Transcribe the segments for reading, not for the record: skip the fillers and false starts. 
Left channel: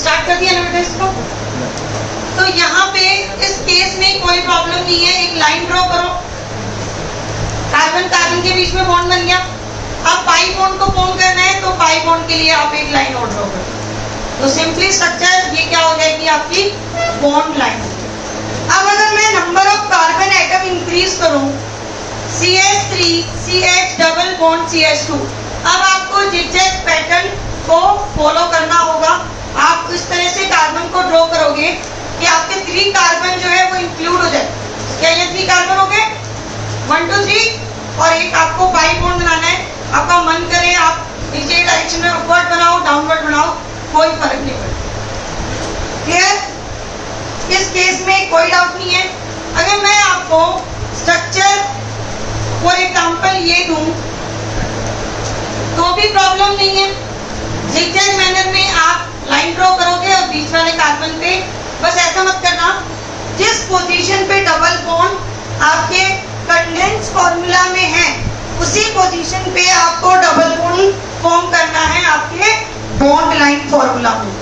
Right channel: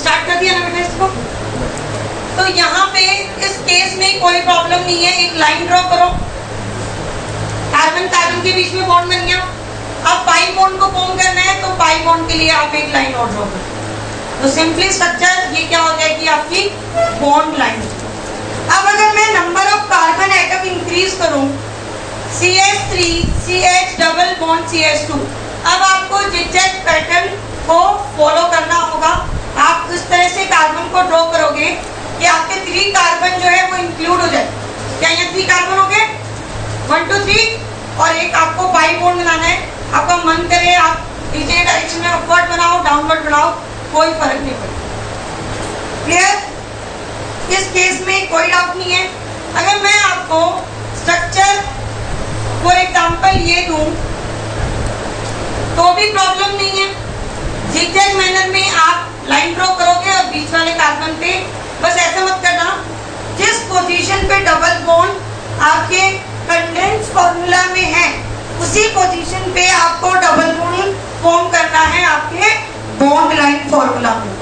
Start कर दिया ना बेटा इसको। तो यहाँ पे इस केस में कोई प्रॉब्लम नहीं है, एक लाइन ड्रॉ करो, कार्बन कार्बन के बीच में बॉन्ड बन गया। अब पाई बॉन्ड को फॉर्म करना है तो पाई बॉन्ड के लिए आप एक लाइन और ड्रॉ करो। तो सिंपली स्ट्रक्चर ये क्या हो जाएगी आपकी बॉन्ड लाइन। अब अगर मैं number of carbon atom increase करूं, CH3 CH double bond CH2, अब आपको जिगजैग पैटर्न को फॉलो करना होगा। आप इस तरह से कार्बन को ड्रॉ करोगे कि आपके 3 कार्बन जो है वो इंक्लूड हो जाए। क्या ये 3 कार्बन हो गए? 1 2 3, और एक आपको पाई बॉन्ड बनाना है। आपका मन करे आप नीचे डायरेक्शन में अपवर्ड बनाओ, डाउनवर्ड बनाओ, कोई फर्क नहीं पड़ता। क्लियर? इस केस में कोई डाउट नहीं है। अगर मैं आपको स्ट्रक्चर फॉर एग्जांपल ये दूं तो भी प्रॉब्लम नहीं है। जिगजैग मैनर में आप लाइन ड्रॉ करोगे और बीच वाले कार्बन पे बस ऐसा मत करना, जिस पोजीशन पे डबल बॉन्ड आपके कंडेंस फॉर्मूला में है उसी पोजीशन पे आपको डबल बॉन्ड फॉर्म करना है आपके बॉन्ड लाइन फॉर्मूला में,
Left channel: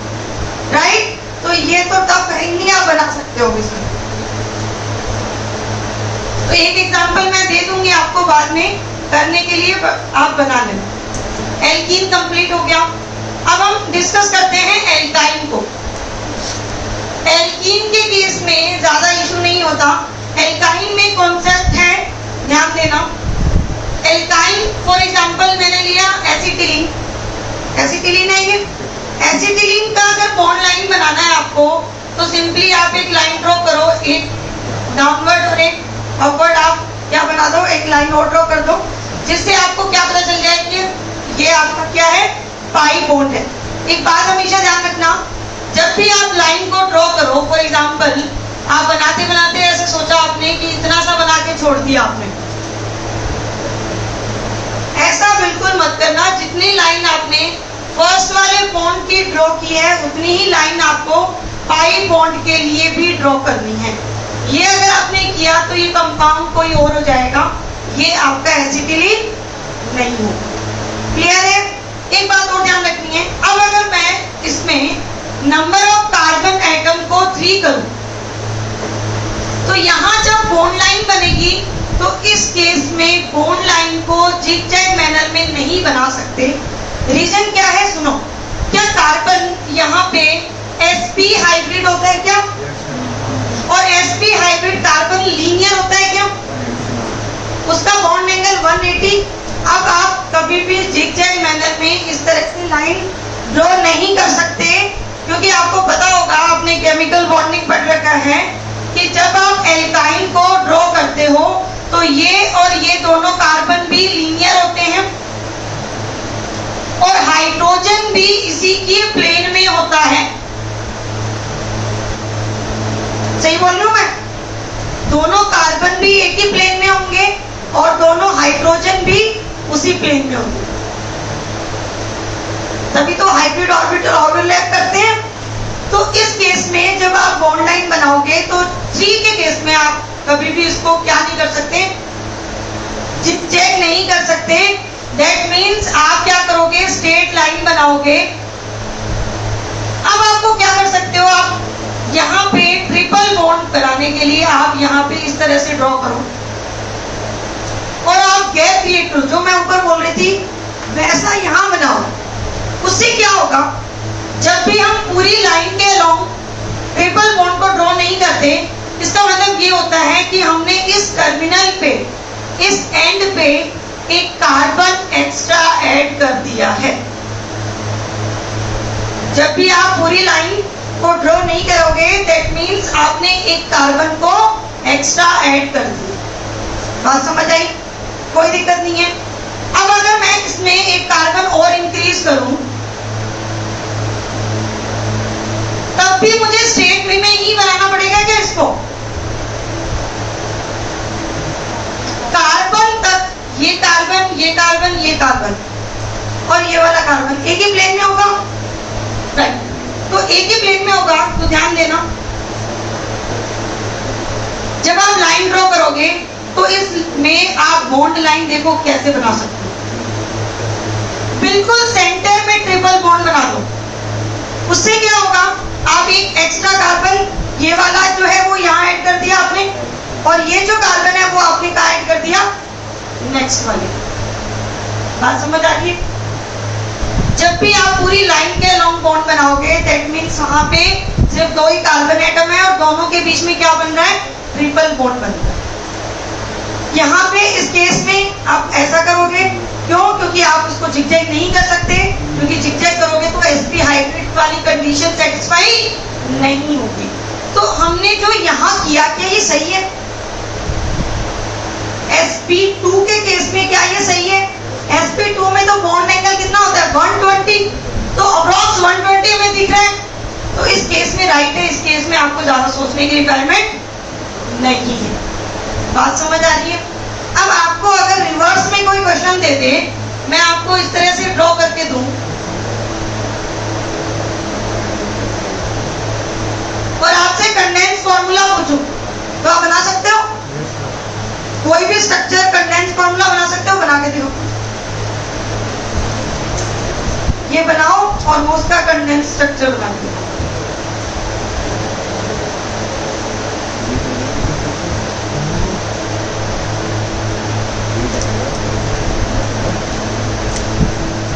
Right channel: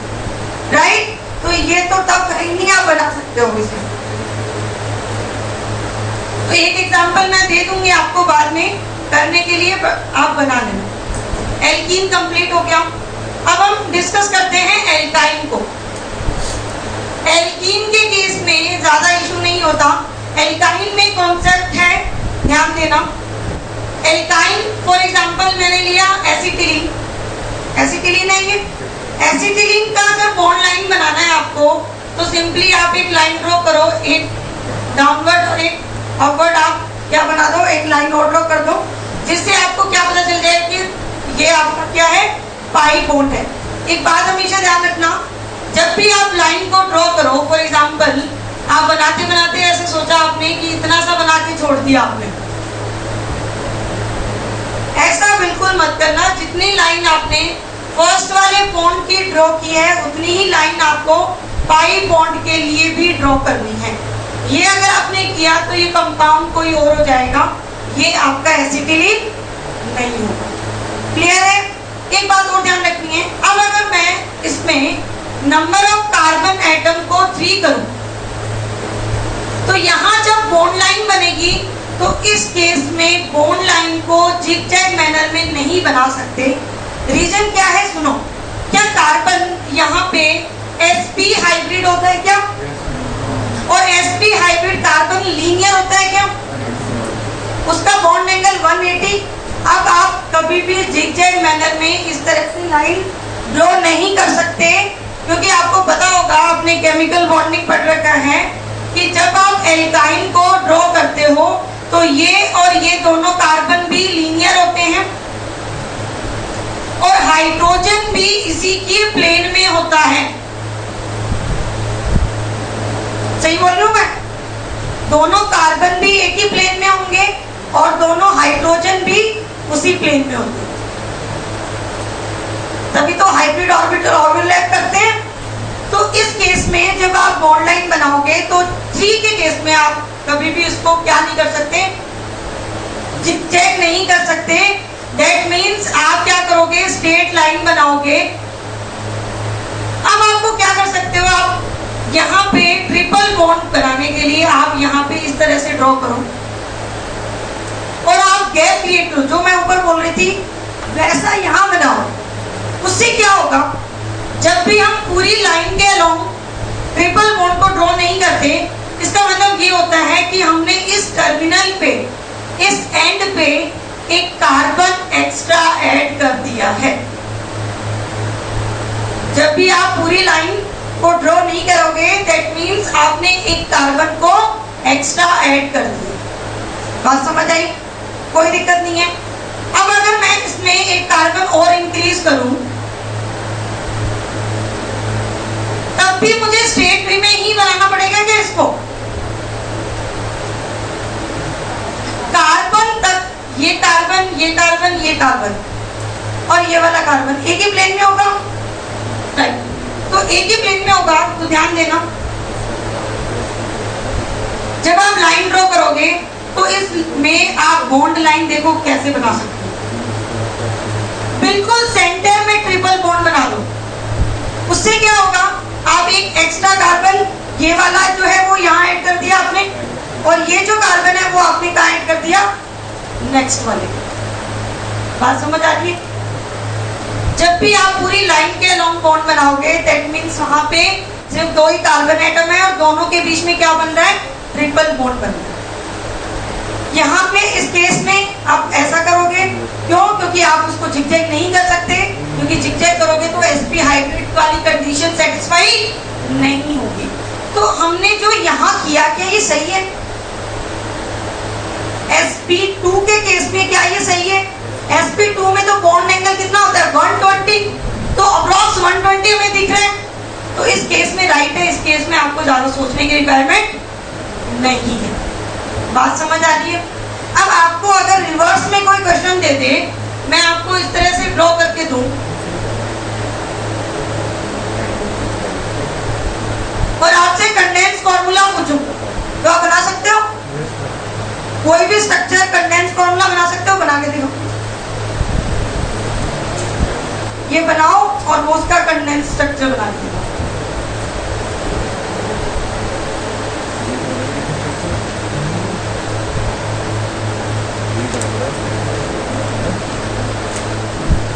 राइट? तो ये तो टफ है नहीं, आप बना सकते हो इसमें। तो एक एग्जांपल मैं दे दूंगी आपको बाद में करने के लिए, आप बना लेना। एल्कीन कंप्लीट हो गया। अब हम डिस्कस करते हैं एल्काइन को। एल्कीन के केस में ज्यादा इशू नहीं होता। एल्काइन में कॉन्सेप्ट है, ध्यान देना। एल्काइन फॉर एग्जांपल मैंने लिया एसिटिलीन। एसिटिलीन है ये। एसिटिलीन का अगर बॉन्ड लाइन बनाना है आपको तो सिंपली आप एक लाइन ड्रॉ करो, एक डाउनवर्ड और एक अपवर्ड। आप क्या बना दो, एक लाइन और ड्रॉ कर दो, जिससे आपको क्या पता चल जाए कि ये आपका क्या है, पाई बॉन्ड है। एक बात हमेशा ध्यान रखना, जब भी आप लाइन को ड्रॉ करो, फॉर एग्जांपल आप बनाते बनाते ऐसे सोचा आपने कि इतना सा बना के छोड़ दिया आपने, ऐसा बिल्कुल मत करना। जितनी लाइन आपने फर्स्ट वाले बॉन्ड की ड्रॉ की है उतनी ही लाइन आपको पाई बॉन्ड के लिए भी ड्रॉ करनी है। ये अगर आपने किया तो ये कंपाउंड कोई और हो जाएगा, ये आपका एसिटिलीन नहीं होगा। क्लियर है? एक बात और ध्यान रखनी है। अब अगर मैं इसमें नंबर ऑफ कार्बन एटम को 3 करूं तो यहां जब बॉन्ड लाइन बनेगी तो इस केस में बॉन्ड लाइन को जिगजैग मैनर में नहीं बना सकते। रीजन क्या है सुनो। क्या कार्बन यहाँ पे sp हाइब्रिड होता है क्या? और sp हाइब्रिड कार्बन लीनियर होता है क्या? उसका बॉन्ड एंगल 180। अब आप कभी भी जिगजैग मैनर में इस तरह से लाइन ड्रॉ नहीं कर सकते, क्योंकि आपको पता होगा, आपने केमिकल बॉन्डिंग पढ़ रखा है कि जब आप एल्काइन को ड्रॉ करते हो तो ये और ये दोनों कार्बन भी लीनियर होते हैं और हाइड्रोजन भी इसी के प्लेन में होता है। सही बोल रहा हूं मैं? दोनों कार्बन भी एक ही प्लेन में होंगे और दोनों हाइड्रोजन भी उसी प्लेन में होंगे, तभी तो हाइब्रिड ऑर्बिटल ओवरलैप करते हैं। तो इस केस में जब आप बॉन्ड लाइन बनाओगे तो 3 के केस में आप कभी भी इसको क्या नहीं कर सकते, जिगजैग नहीं कर सकते। दैट मीन्स आप क्या करोगे, स्ट्रेट लाइन बनाओगे। अब आपको क्या कर सकते हो, आप यहाँ पे ट्रिपल बॉन्ड कराने के लिए आप यहाँ पे इस तरह से ड्रॉ करो और आप गैप क्रिएट करो, जो मैं ऊपर बोल रही थी वैसा यहाँ बनाओ। उससे क्या होगा, जब भी हम पूरी लाइन के अलोंग ट्रिपल बॉन्ड को ड्रॉ नहीं करते, इसका मतलब ये होता है कि हमने इस टर्मिनल पे, इस एंड पे एक कार्बन एक्स्ट्रा ऐड कर दिया है। जब भी आप पूरी लाइन को ड्रॉ नहीं करोगे, दैट मीन्स आपने एक कार्बन को एक्स्ट्रा ऐड कर दिया। बात समझ आई? कोई दिक्कत नहीं है। अब अगर मैं इसमें एक कार्बन और इंक्रीज करूं तब भी मुझे स्ट्रेट वे में ही बनाना पड़ेगा क्या इसको? कार्बन तक ये कार्बन, ये कार्बन, ये कार्बन और ये वाला कार्बन एक ही प्लेन में होगा, राइट? तो एक ही प्लेन में होगा तो ध्यान देना, जब आप लाइन ड्रॉ करोगे तो इसमें आप बॉन्ड लाइन देखो कैसे बना सकते हो। बिल्कुल सेंटर में ट्रिपल बॉन्ड बना दो, उससे में क्या होगा, आप एक एक्स्ट्रा कार्बन ये वाला जो है वो यहाँ ऐड कर दिया आपने, और ये जो कार्बन है वो आपने कहाँ ऐड कर दिया, नेक्स्ट वाले। बात समझ आ रही है? जब भी आप पूरी लाइन के लॉन्ग बॉन्ड बनाओगे, दैट मीन्स वहां पे सिर्फ दो ही कार्बन एटम है और दोनों के बीच में क्या बन रहा है, ट्रिपल बॉन्ड बन रहा है। यहाँ पे इस केस में आप ऐसा करोगे, क्यों? क्योंकि आप उसको जिगजैग नहीं कर सकते, क्योंकि जिगजैग करोगे तो sp हाइब्रिड वाली कंडीशन सेटिस्फाई नहीं होगी। तो हमने जो यहाँ किया, क्या ये सही है? sp2 के केस में क्या ये सही है? sp2 में तो बॉन्ड एंगल कितना होता है, 120, तो अप्रॉक्स 120 हमें दिख रहा है, तो इस केस में राइट है। इस केस में आपको ज्यादा सोचने की रिक्वायरमेंट नहीं है। बात समझ आ रही है? अब आपको अगर रिवर्स में कोई क्वेश्चन दे दे, मैं आपको इस तरह से ड्रॉ करके दूं और आपसे कंडेंस फॉर्मूला पूछूं, तो आप बना सकते हो? कोई भी स्ट्रक्चर कंडेंस फॉर्मूला बना सकते हो? बना के देखो, ये बनाओ और वो उसका कंडेंस स्ट्रक्चर बना के दिखाओ।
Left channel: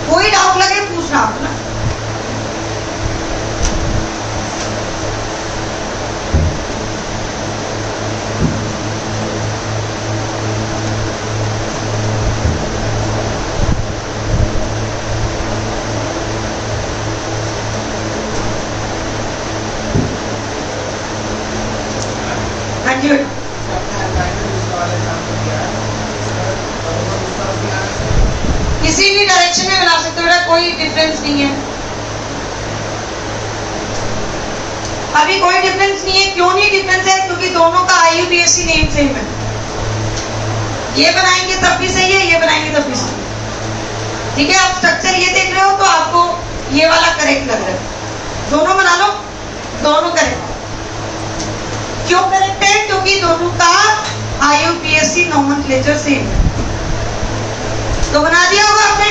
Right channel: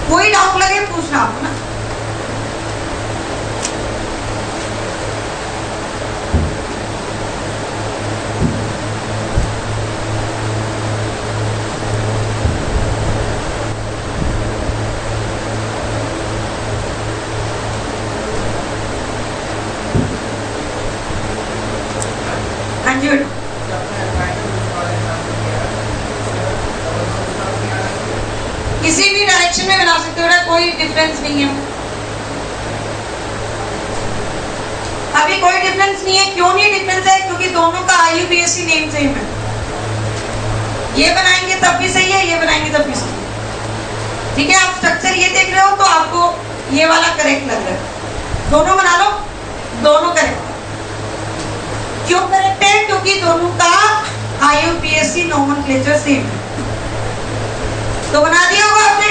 कोई डाउट लगे पूछना आप ना। हाँ जी, किसी भी डायरेक्शन में बना सकते हो ना, कोई डिफरेंस नहीं है। अभी कोई डिफरेंस नहीं है। क्यों नहीं डिफरेंस है? क्योंकि दोनों का IUPAC नेम सेम है। ये बनाएंगे तब भी सही है, ये बनाएंगे तब भी सही है। ठीक है, आप स्ट्रक्चर ये देख रहे हो तो आपको ये वाला करेक्ट लग रहा है। दोनों बना लो, दोनों करेक्ट। क्यों करेक्ट है? क्योंकि दोनों का IUPAC नोमेनक्लेचर सेम है। तो बना दिया होगा आपने।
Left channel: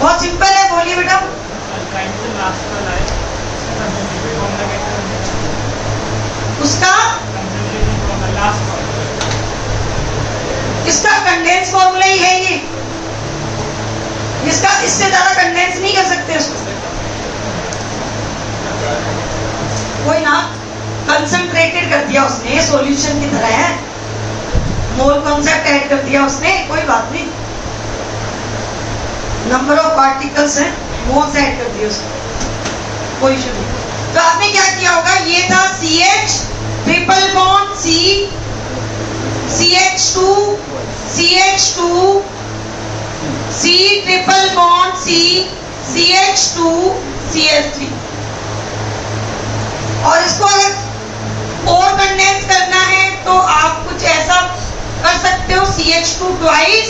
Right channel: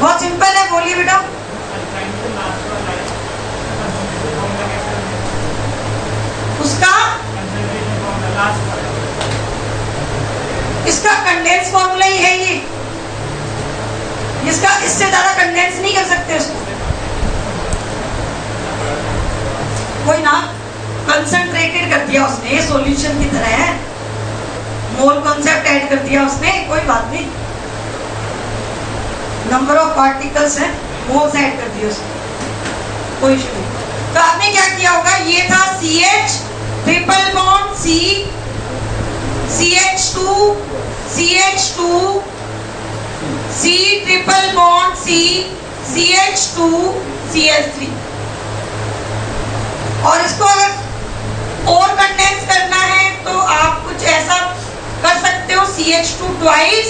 बहुत सिंपल है, बोलिए बेटा। उसका इसका कंडेंस फॉर्मूला ही है ये, जिसका इससे ज्यादा कंडेंस नहीं कर सकते उसको। कोई ना कंसंट्रेटेड कर दिया उसने, ये सॉल्यूशन की तरह है, मोल कॉन्सेप्ट ऐड कर दिया उसने, कोई बात नहीं। नंबर ऑफ पार्टिकल्स है, मोल्स ऐड कर दिए उसने, कोई इशू नहीं। तो आपने क्या किया होगा, ये था CH triple bond C, CH2 CH2 C triple bond C, CH2 CH3। और इसको अगर और कंडेंस करना है तो आप कुछ ऐसा कर सकते हो, CH2 twice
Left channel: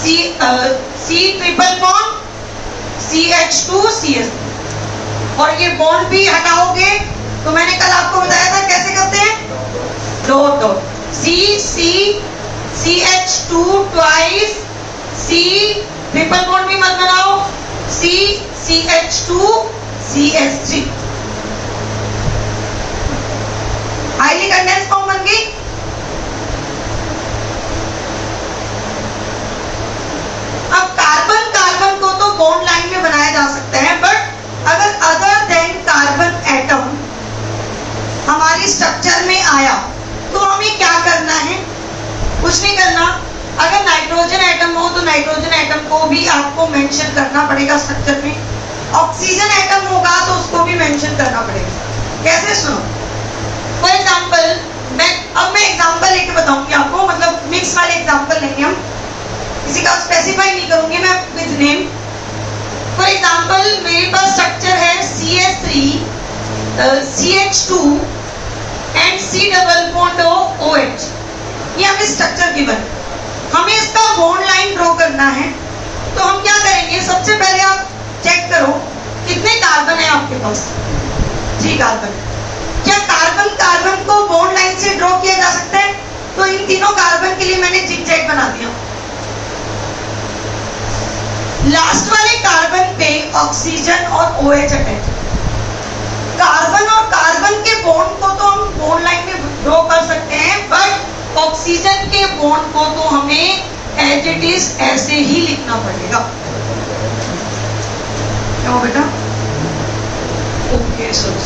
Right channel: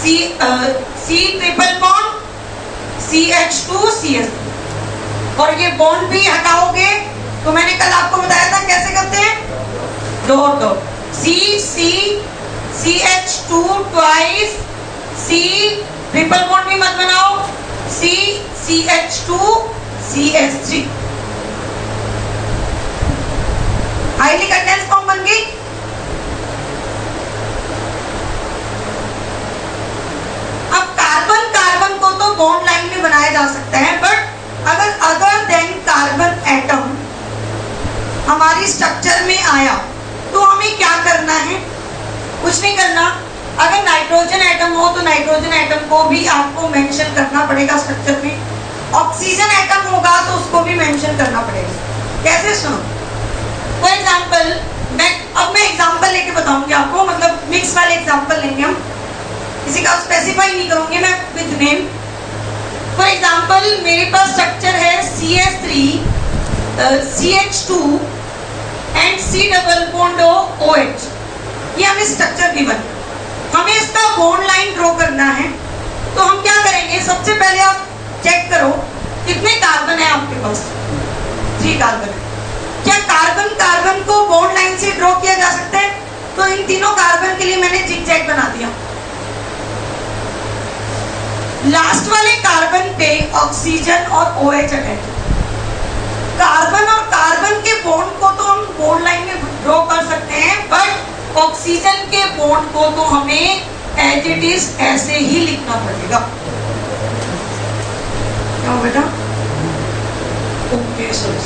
C triple bond CH2 CH3। और ये बॉन्ड भी हटाओगे तो मैंने कल आपको बताया था कैसे करते हैं, dot dot CH2 twice C triple bond भी मत बनाओ, CH2 CH3। Highly condense form बन गई। अब कार्बन कार्बन को तो बॉन्ड लाइन में बनाया जा सकता है, बट अगर अदर देन कार्बन एटम हमारी स्ट्रक्चर में आया तो हमें क्या करना है, कुछ नहीं करना। अगर नाइट्रोजन एटम हो तो नाइट्रोजन एटम को भी आपको मेंशन करना पड़ेगा स्ट्रक्चर में। ऑक्सीजन एटम होगा तो उसको भी मेंशन करना पड़ेगा। कैसे, सुनो। फॉर एग्जाम्पल मैं एग्जाम्पल लेके बताऊंगी आपको, मतलब मिक्स वाले एग्जाम्पल लेंगे हम, किसी का स्पेसिफाई नहीं करूंगी मैं विद नेम। फॉर एग्जाम्पल मेरे पास स्ट्रक्चर है CH3 CH2 and C double bond OH। ये हमें स्ट्रक्चर गिवन, हमें इसका बॉन्ड लाइन ड्रॉ करना है। तो हम क्या करेंगे, सबसे पहले आप चेक करो कितने कार्बन है आपके पास। 3 कार्बन है। क्या कार्बन कार्बन को बॉन्ड लाइन से ड्रॉ किया जा सकता है? तो इन तीनों कार्बन के लिए मैंने जिगजैग बना दिया। लास्ट वाले कार्बन पे ऑक्सीजन और OH अटैच है। कार्बन और कार्बन के बॉन्ड को तो हम बॉन्ड लाइन में ड्रॉ कर सकते हैं, बट ऑक्सीजन के बॉन्ड को तो हमें एज इट इज ऐसे ही लिखना पड़ेगा। क्या हो बेटा? Okay, sorry.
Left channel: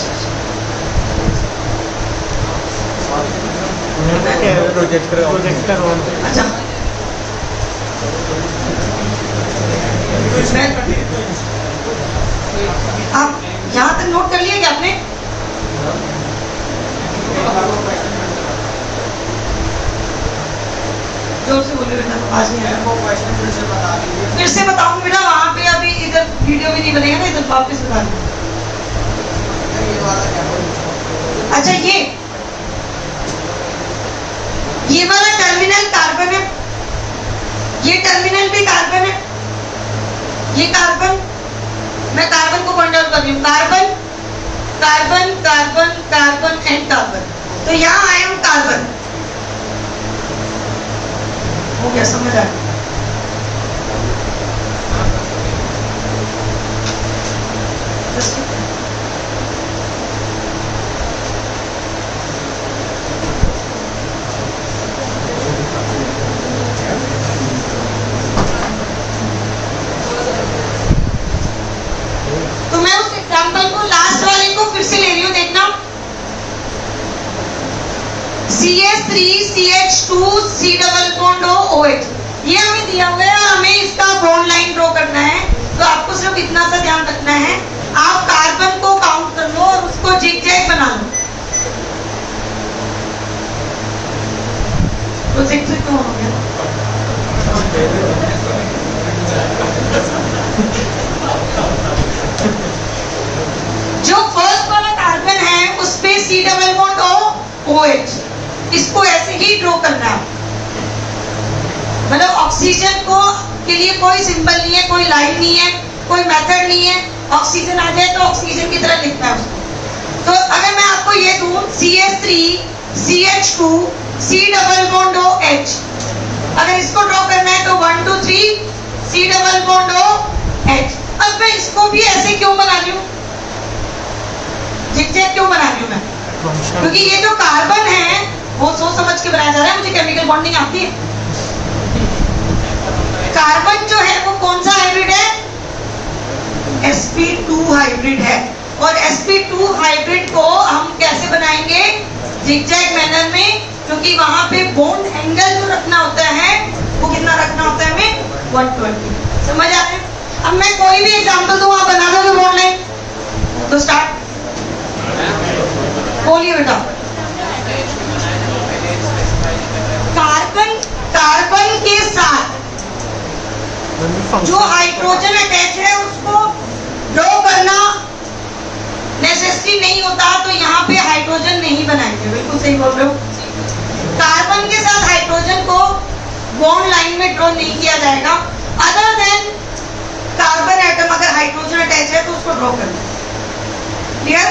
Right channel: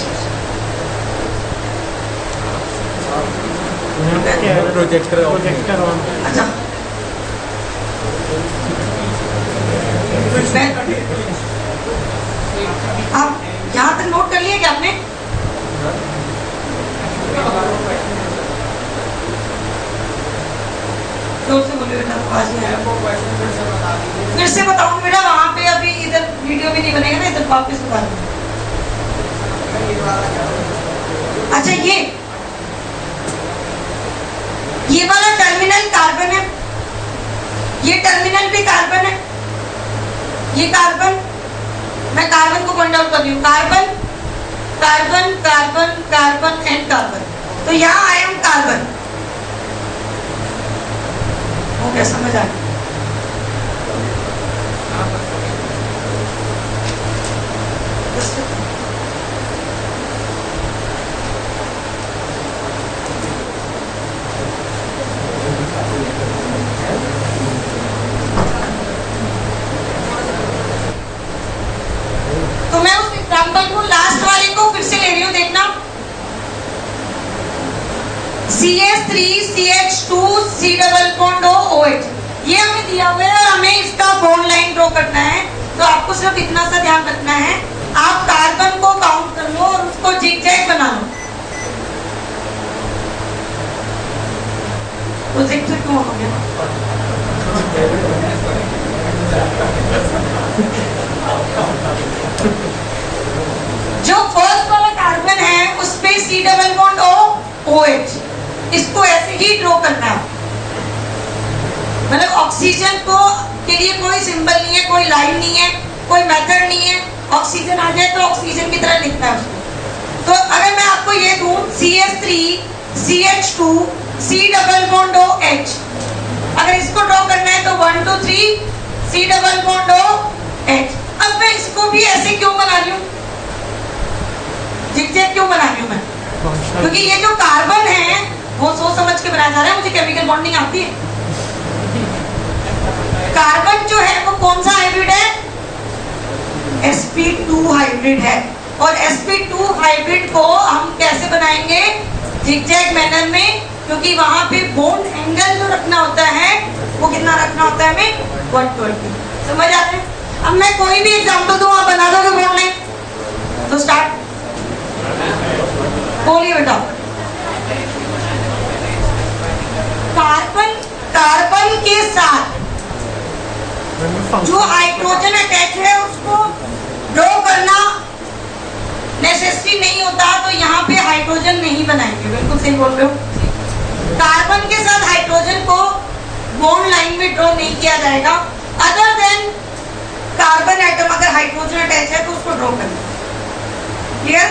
Projector on. अच्छा, आप यहाँ तक नोट कर लिया क्या आपने? जोर से बोलिए बेटा, आज नहीं आया। फिर से बताऊं बेटा, वहाँ पे अभी इधर वीडियो भी नहीं बनेगा ना, इधर वापस बता दूँ। अच्छा, ये वाला टर्मिनल कार्बन है, ये टर्मिनल भी कार्बन है, ये कार्बन, मैं कार्बन को पॉइंट आउट कर रही हूँ, carbon carbon carbon carbon and carbon. तो यहाँ आई एम कार्बन। हो गया, समझ आ गया? तो मैं उस एग्जांपल को लास्ट वाले को फिर से ले रही हूँ, देखना। CH3CH2 C double bond OH, ये हमें दिया हुआ है और हमें इसका बॉन्ड लाइन ड्रॉ करना है। तो आपको सिर्फ इतना सा ध्यान रखना है, आप कार्बन को काउंट कर लो और उसको जिगजैग बना लो। प्रोजेक्ट से क्यों हो गया? जो फर्स्ट वाला कार्बन है उस पे C डबल बॉन्ड OH, इसको ऐसे ही ड्रॉ करना है। मतलब ऑक्सीजन को के लिए कोई सिंबल नहीं है, कोई लाइन नहीं है, कोई मेथड नहीं है। ऑक्सीजन आ जाए तो ऑक्सीजन की तरह लिखना है उसको। तो अगर मैं आपको ये दूं CH3CH2 C double bond OH, अगर इसको ड्रॉ करना है तो 1 2 3 C डबल बॉन्ड OH। अब मैं इसको भी ऐसे क्यों बना रही हूँ, जिगजैग क्यों बना रही हूँ मैं? क्योंकि ये जो कार्बन है वो सोच समझ के बनाया जा रहा है, मुझे केमिकल बॉन्डिंग आती है। कार्बन जो है वो कौन सा हाइब्रिड है? sp2 हाइब्रिड है। और sp2 हाइब्रिड को हम कैसे बनाएंगे? जिगजैग मैनर में, क्योंकि वहां पे बॉन्ड एंगल जो रखना होता है वो कितना रखना होता है हमें? 120। समझ आ रहा है? अब मैं कोई भी एग्जांपल दूं, आप बना दोगे बॉन्ड लाइन? तो स्टार्ट, बोलिए बेटा। कार्बन के साथ जो हाइड्रोजन अटैच है उसको ड्रॉ करना नेसेसरी नहीं होता, तो यहाँ पे हाइड्रोजन नहीं बनाएंगे। बिल्कुल सही बोल रहे हो। कार्बन के साथ हाइड्रोजन को बॉन्ड लाइन में ड्रॉ नहीं किया जाएगा, अदर देन कार्बन एटम अगर हाइड्रोजन अटैच है तो उसको ड्रॉ करना। क्लियर?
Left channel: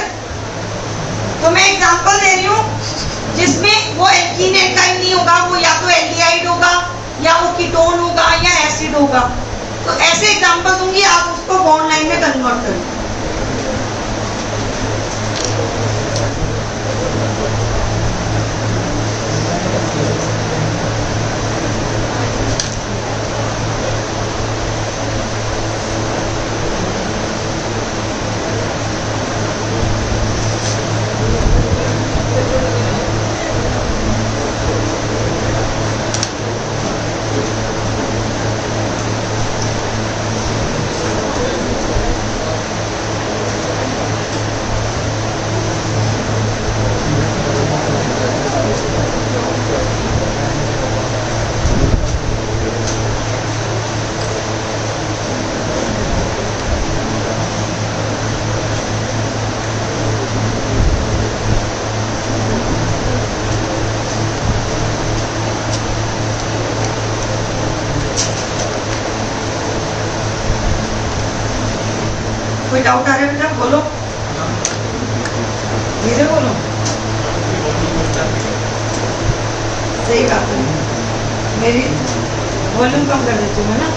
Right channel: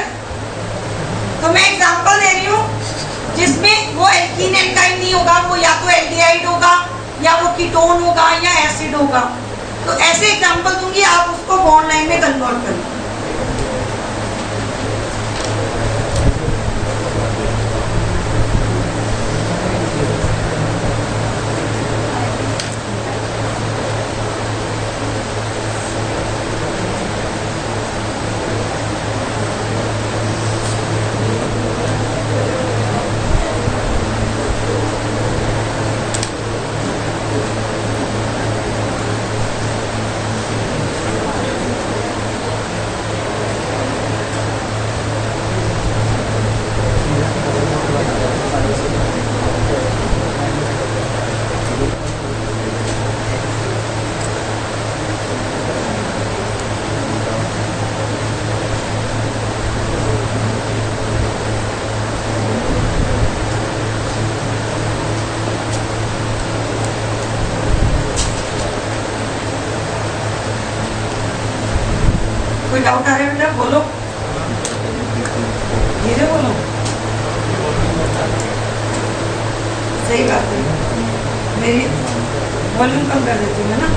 तो मैं एग्जांपल दे रही हूँ जिसमें वो एल्कीन एल्काइन नहीं होगा, वो या तो एल्डिहाइड होगा या वो कीटोन होगा या एसिड होगा। तो ऐसे एग्जांपल दूंगी, आप उसको बॉन्ड लाइन में कन्वर्ट करें। कोई डाउट आ रहा है बेटा? बोलो, धीरे बोलो। सही बात है, मेरी वॉल्यूम कम कर देती हूँ, है ना?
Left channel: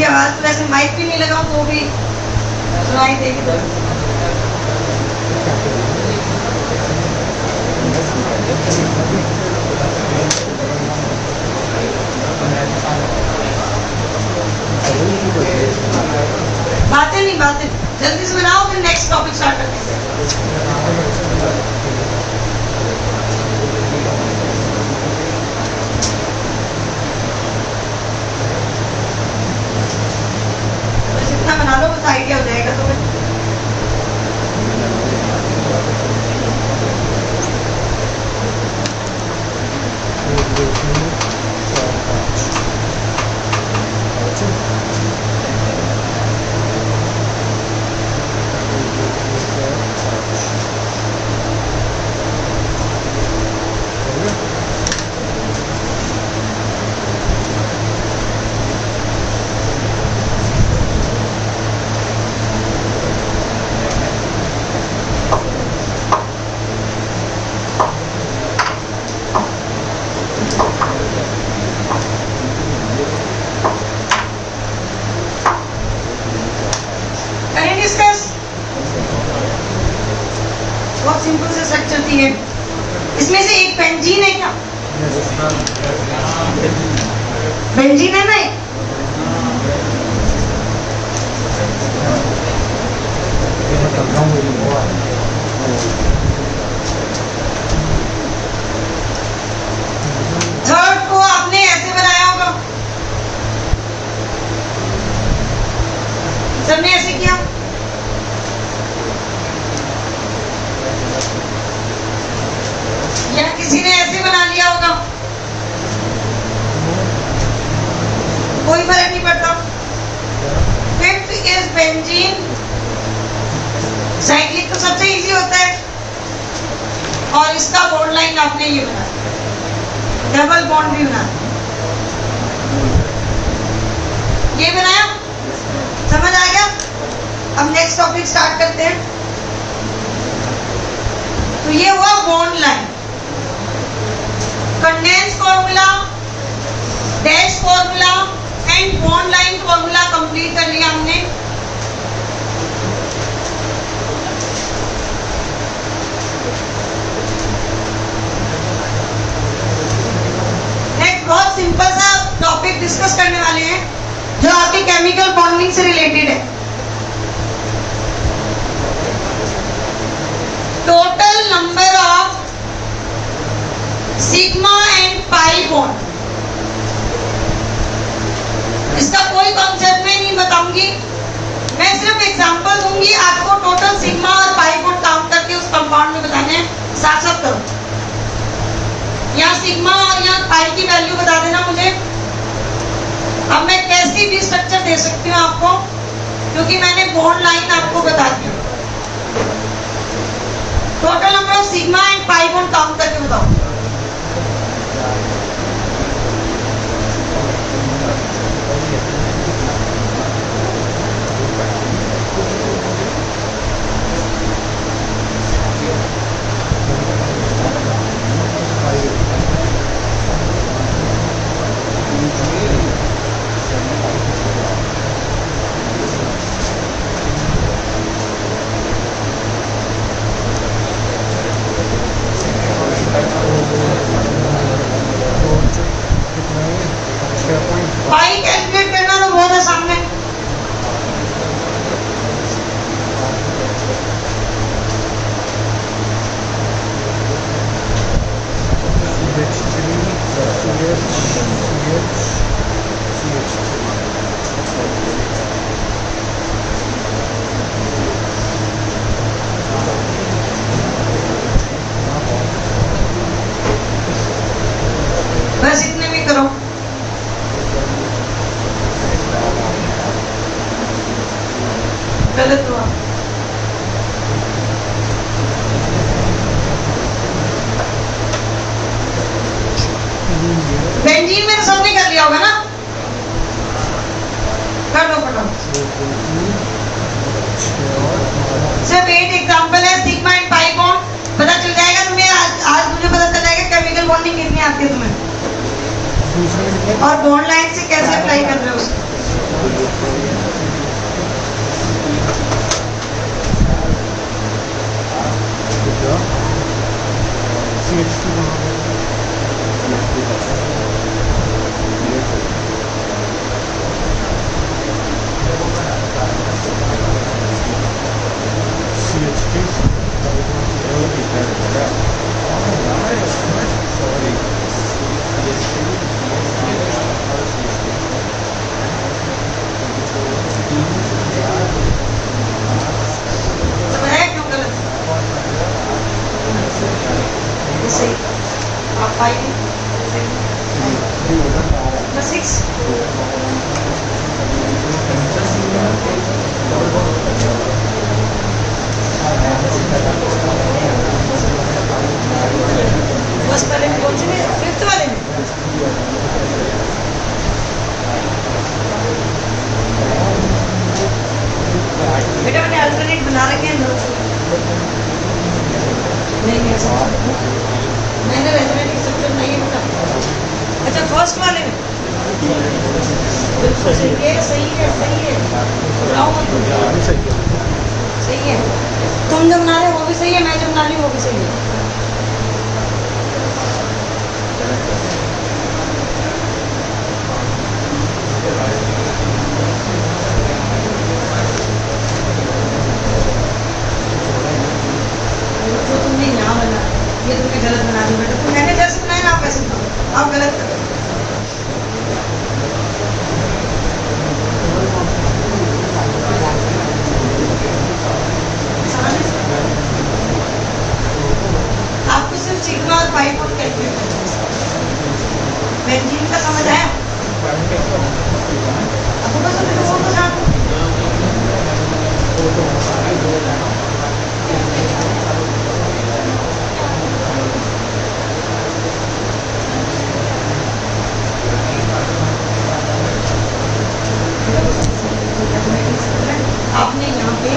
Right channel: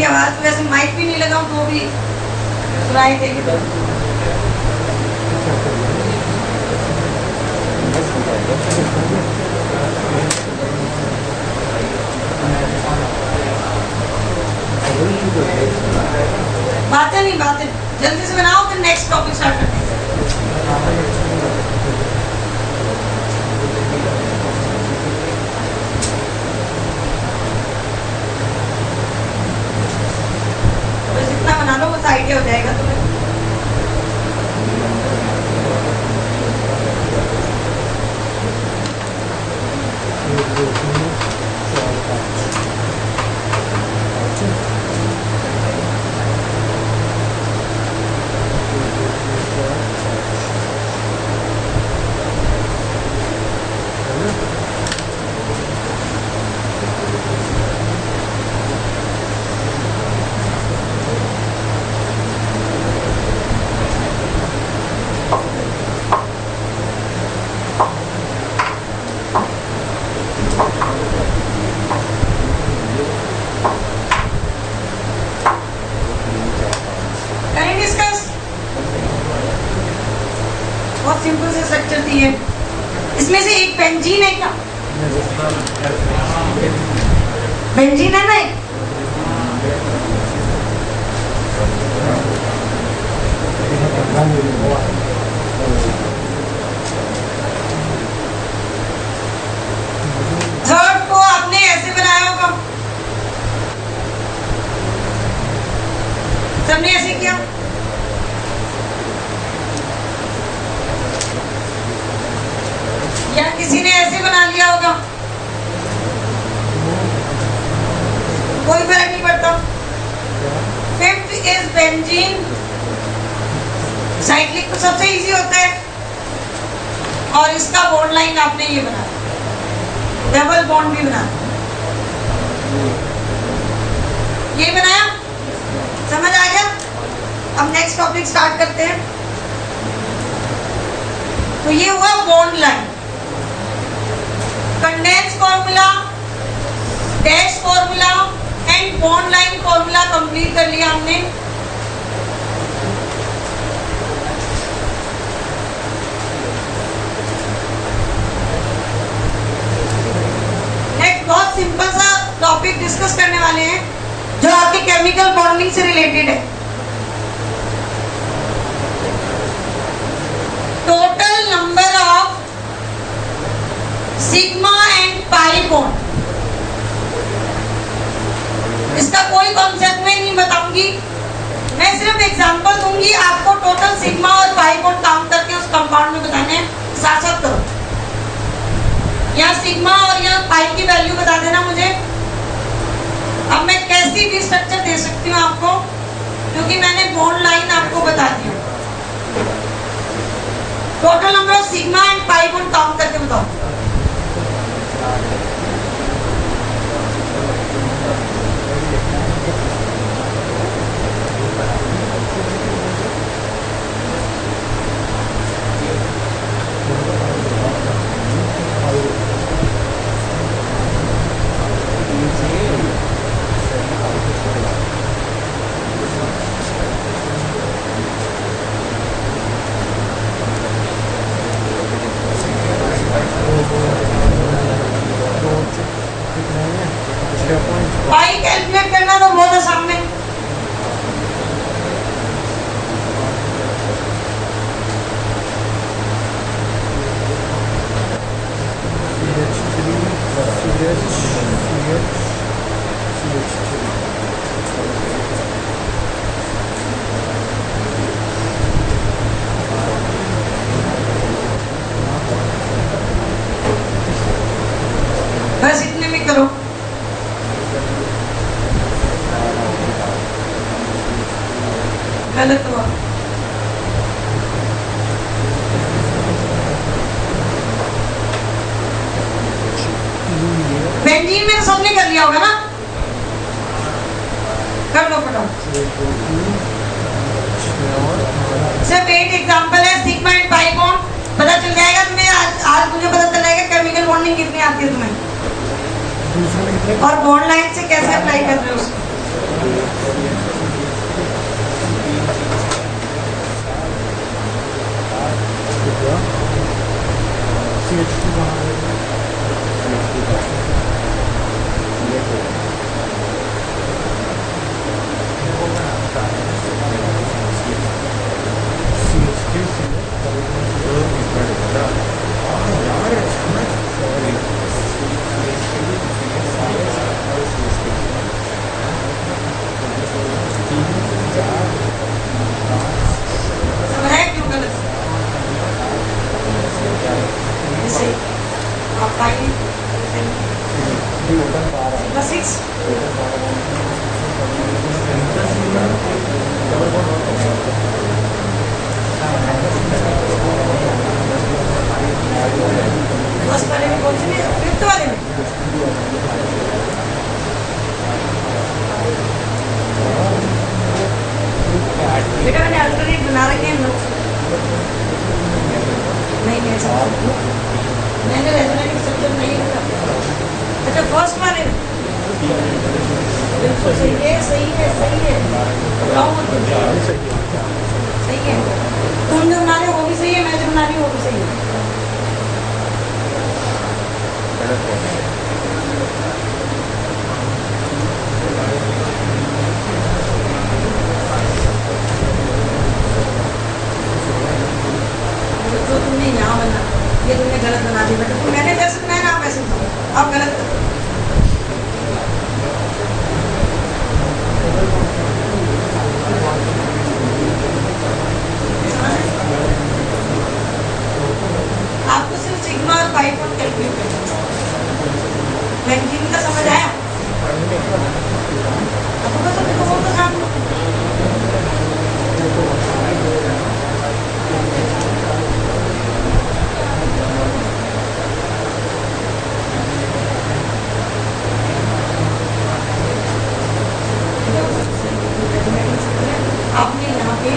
मेरी आवाज तो वैसे माइक भी नहीं लगाऊं तो भी सुनाई देगी। तो बातें जल्दी से बनाओ, फिर नेक्स्ट टॉपिक स्टार्ट करते हैं। बस इतना बना लो, बस आइडिया हो जाएगा तुम्हें। करें डिस्कस। बहुत सिंपल से स्ट्रक्चर दी है। इसमें से एक बेंजीन है क्या? बेंजीन है ना? थर्ड को आपने ऐसे बनाया होगा, सबने ऐसे किया। या किसी ने ऐसे बना लिया होगा, कोई फर्क नहीं पड़ता। Fifth is benzene. साइक्लिक तो सबसे इजी होता है, और इसका बॉन्ड लाइन आपने ये बनाया, डबल बॉन्ड भी बना, ये बनाया, समझ आ गया? अब नेक्स्ट टॉपिक स्टार्ट करते हैं। तो ये हुआ bond line. Condense formula, dash formula and bond line formula complete कर लिया हमने। नेक्स्ट बहुत सिंपल सा टॉपिक डिस्कस करने वाले हैं जो आपके केमिकल बॉन्डिंग से रिलेटेड है। Total number of sigma and pi bond. इसका कोई कॉन्सेप्ट में नहीं बताऊंगी, मैं सिर्फ एग्जांपल दूंगी आपको। टोटल सिग्मा और पाई बॉन्ड काउंट करके उस कंपाउंड में बताने हैं, साथ साथ करो। यहाँ सिग्मा और यहाँ पाई की वैल्यू बता देना मुझे। अब मैं कैसी भी स्ट्रक्चर दे सकती हूँ आपको, क्योंकि मैंने बॉन्ड लाइन आपको बता दी। Total number of sigma and pi bond count करके बताओ। पाई कैलकुलेट करना तो बहुत आसान है। बस इतने में करो। गलत हुआ। बेंजीन में तो सबने कर लिया होगा ना, कर लो फटाफट। सिर्फ 8 एग्जांपल है सिग्मा एंड पाई बॉन्ड, पता चल जाएगा तुम्हें। आज मुझे पता चल जाएगा केमिकल बॉन्डिंग कितनी आती है तुम्हें, और बॉन्ड लाइन से कैसे अप्लाई कर रहे हो उसको। CHP वहाँ समझाया क्यों गलत? ऐसे ही। आप फाइव, बस सिक्स। फर्स्ट वाले में कौन से में? फिफ्थ वाले में? बेटा मैंने अल्टरनेट बना रखे हैं नोट्स। नहीं ऐसा मैंने रेजोनेट स्ट्रक्चर नहीं है बेटा। अच्छा फर्स्ट वाले में बिल्कुल सही है, सही है, सही है। बताओ मत तुम। सही है। तुम जो बना रहे हो वो भी सही है, मैं जो बना रही हूँ वो भी सही है। जो तुमने यहाँ बना ये तुमने गलत बना दिया बेटा। तुम मैंने जैसे बनाया ना आप वैसे बनाओ, आप गलत कर दो। आपको सिर्फ सिग्मा और पाई को कैलकुलेट करना है। बेंजीन का समझ आया? आपको बस अपने फोन को साफ आपने यहाँ पे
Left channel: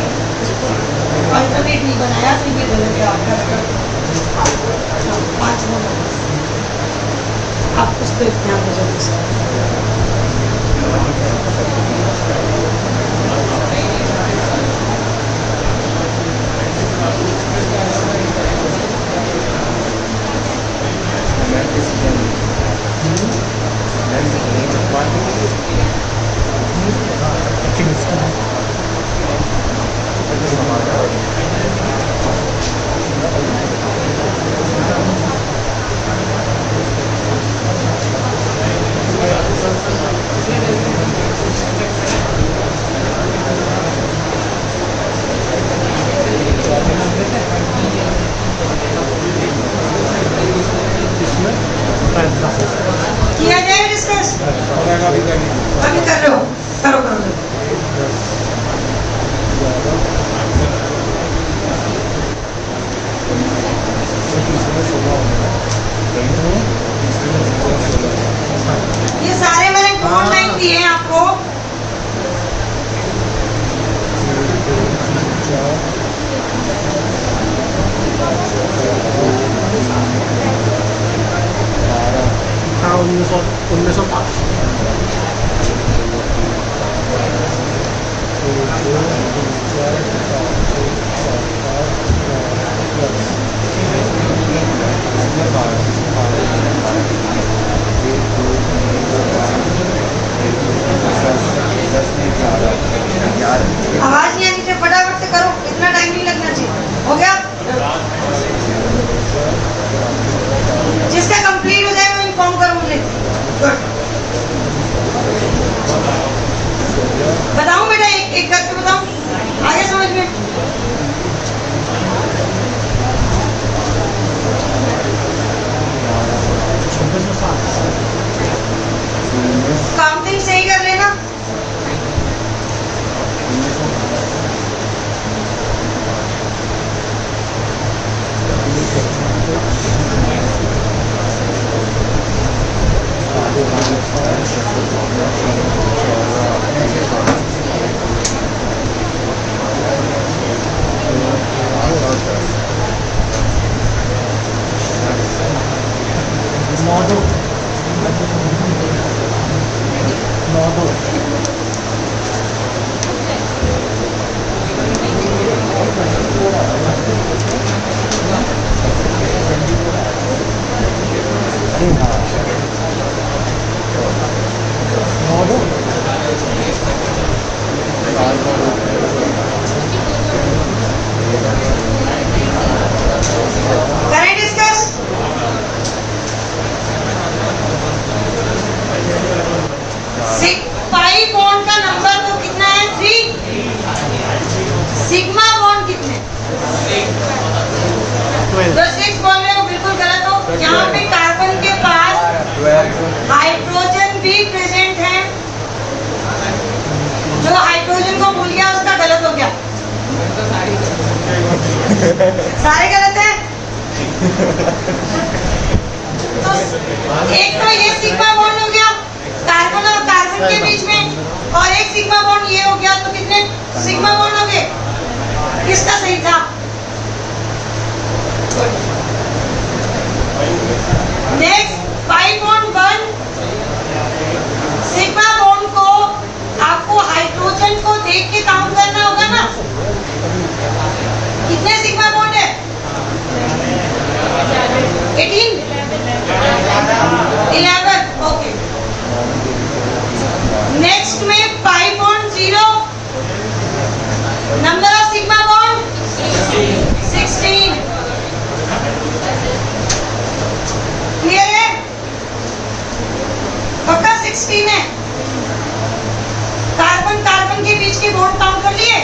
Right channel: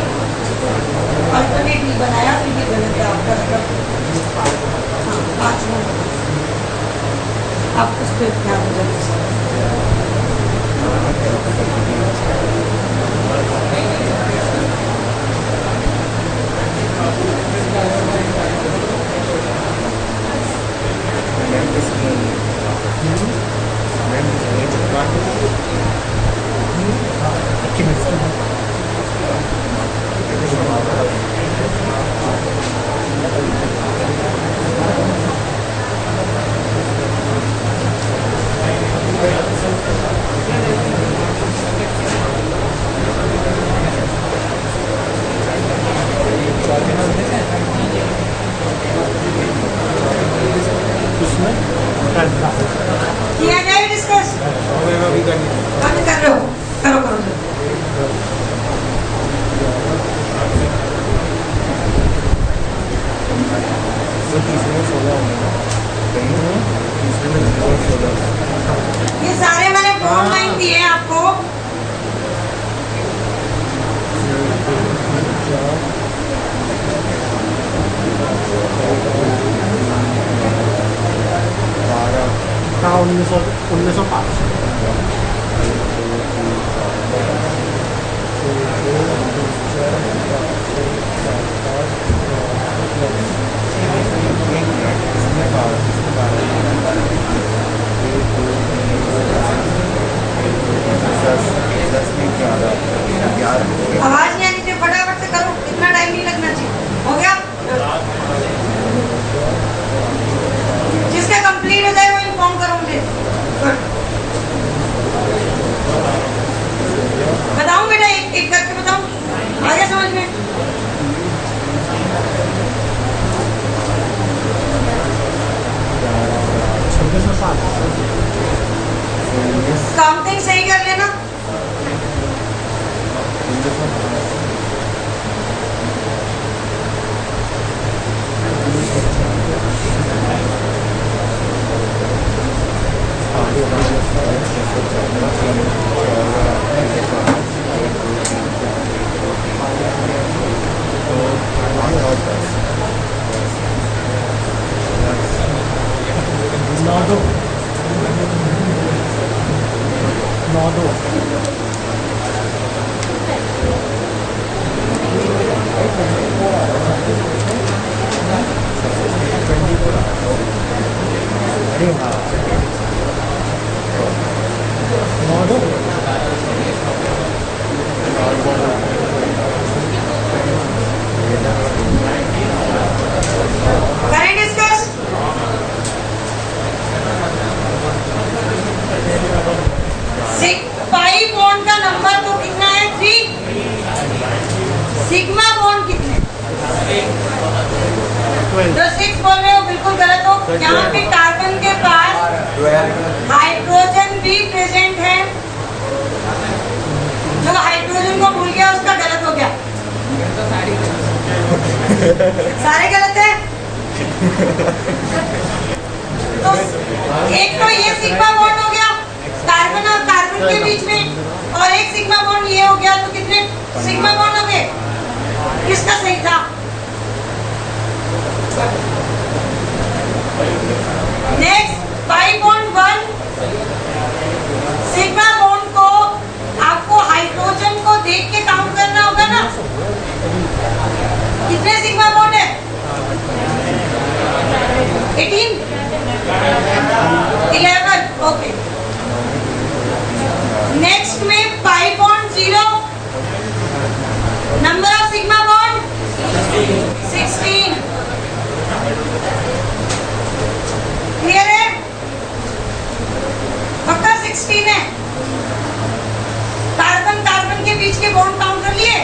अल्टरनेट नहीं बनाया तो ये गलत है आपका। हाँ 5 नंबर आप उस पर ध्यान हो जाए। किया जाए डिस्कस? अभी कर रहे हो? करो करो करो। ये सारे मैंने ऑनलाइन दिए हैं आपको। हाँ 1905 आवाज नहीं आनी चाहिए, फटाफट से करो, इतना टाइम नहीं लगना चाहिए। हो गया? जिसका कंप्लीट हो जाए वो इन्फॉर्म करो मुझे। गुड। बताऊं बेटा एक एक करके बताऊं, आ गया समझ में? काउंटिंग सही कर लेना। नौ दो पाई बॉन्ड का नंबर तो कितना है 3। सिग्मा बॉन्ड कितने? 12 तो 6 बोल रहे हो, बिल्कुल गलत हो। यहाँ पे कार्बन के पास हाइड्रोजन भी प्रेजेंट है। जो हाइड्रोजन को भूल गया उसका गलत हो गया। सारे गलत हैं। तो एक तो ये सिग्मा बॉन्ड हो गया कार्बन और कार्बन के बीच में, और एक सिग्मा बॉन्ड ये हो गया, तो कितने सिग्मा बॉन्ड हो गए? किसका सही था? Next pi bond 1। Sigma bond को आपको हाइड्रोजन को देख के काउंट करना होगा ना। कितने सिग्मा बॉन्ड है? 18 11 ओके। नेक्स्ट में pi bond 0, number of sigma bond 16। Clear है? पक्का 16 है। कार्बन कार्बन के बीच के बॉन्ड काउंट कर लिए?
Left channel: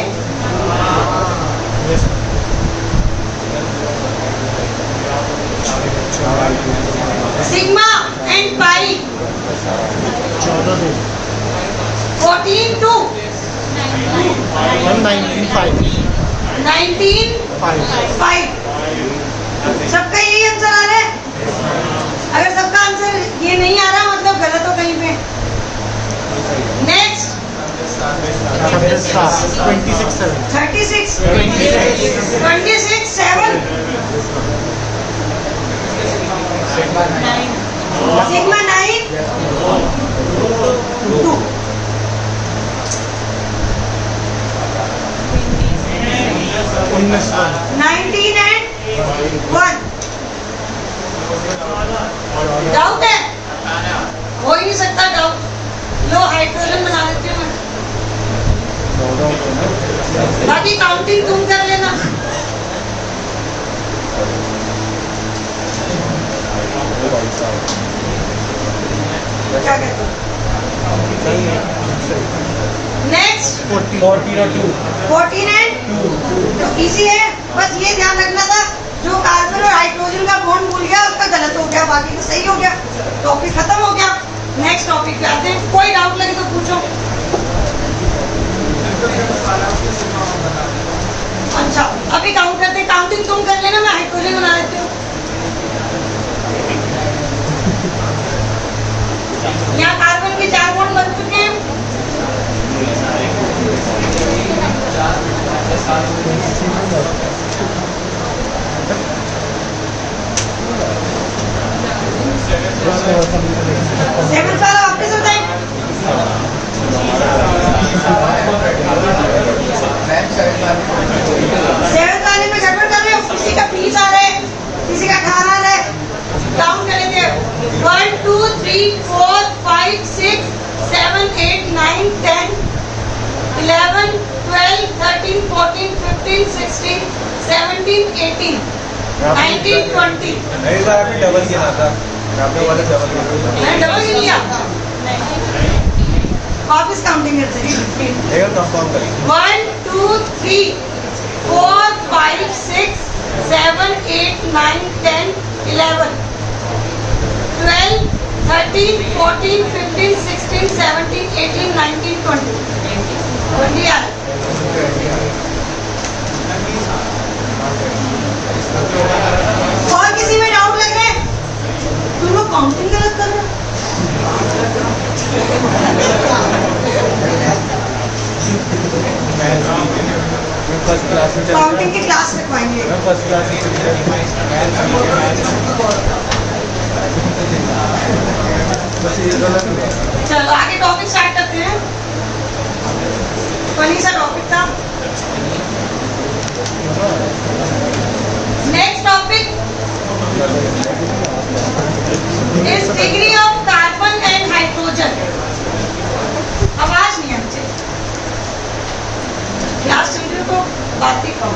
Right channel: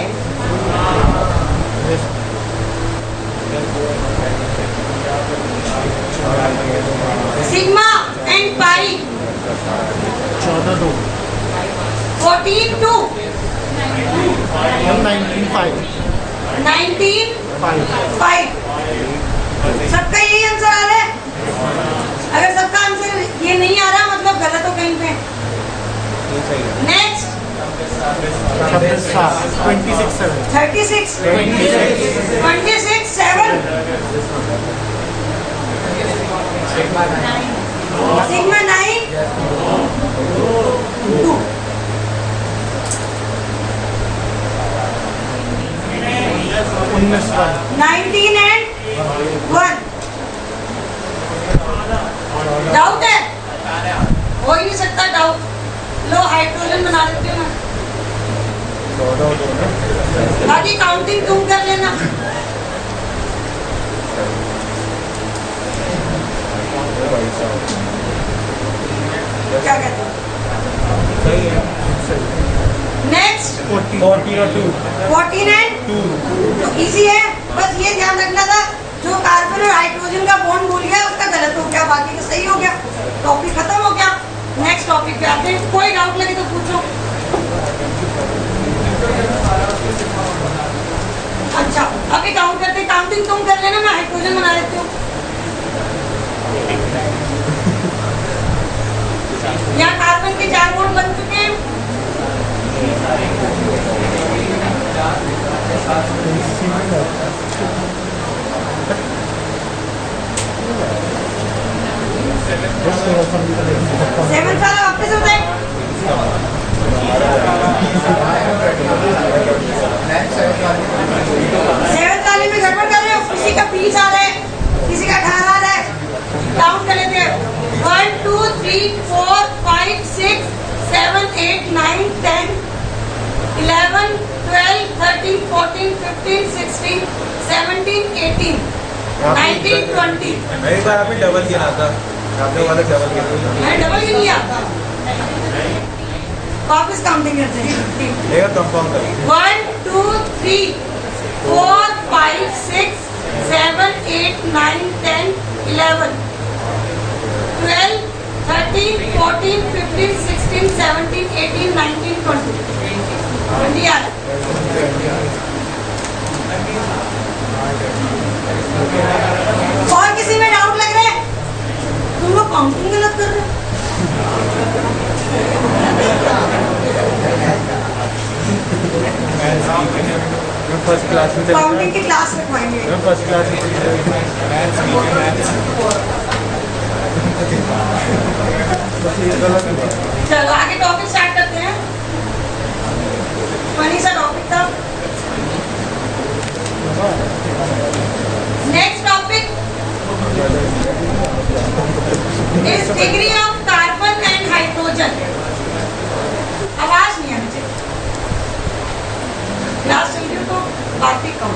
सिग्मा एंड पाई 14 2 14 2 19 5 19 5 5। सबका यही आंसर आ रहा है? अगर सबका आंसर ये नहीं आ रहा मतलब गलत हो कहीं पे। Next 26 7 36 26 7 sigma 9 2। 19 19 एंड 1। डाउट है? हो ही नहीं सकता डाउट। लो हाइड्रोजन बना देती हूँ मैं, बाकी काउंटिंग तुम कर लेना। क्या कहते हो? नेक्स्ट 14 एंड 2 तो इजी है। बस ये ध्यान रखना था, जो कार्बन और हाइड्रोजन का बॉन्ड भूल गया उसका गलत हो गया, बाकी तो सही हो गया। टॉपिक खत्म हो गया। नेक्स्ट टॉपिक पे आते हैं। कोई डाउट लगे तो पूछो। अच्छा अभी काउंट करते, काउंटिंग तुम कर लेना, मैं हाइड्रोजन बना देती हूँ। यहाँ कार्बन के 4 बॉन्ड बन चुके हैं। सेवन वाला वापस होता है। सेवन वाले में गड़बड़ कर रहे हो, किसी का 20 आ रहा है, किसी का 18 आ रहा है। काउंट कर लेते हैं। 1 2 3 4 5 6 7 8 9 10 11 12 13 14 15 16 17 18 19 20। डबल किया था। मैंने डबल ही लिया। वापस काउंटिंग करते हैं। 1 2 3 4 5 6 7 8 9 10 11 12 13 14 15 16 17 18 19 20 20 आ रहा है। और किसी में डाउट लग रहा है? तुम लोग काउंटिंग गलत कर रहे हो। फर्स्ट क्लास में काउंटिंग की क्लास रखवाएंगे। फर्स्ट क्लास में चलो आगे टॉपिक स्टार्ट करते हैं। फनी सा टॉपिक था। Next topic is degree of carbon and hydrogen. आवाज नहीं आनी चाहिए। क्लास वीडियो तो बात ही कम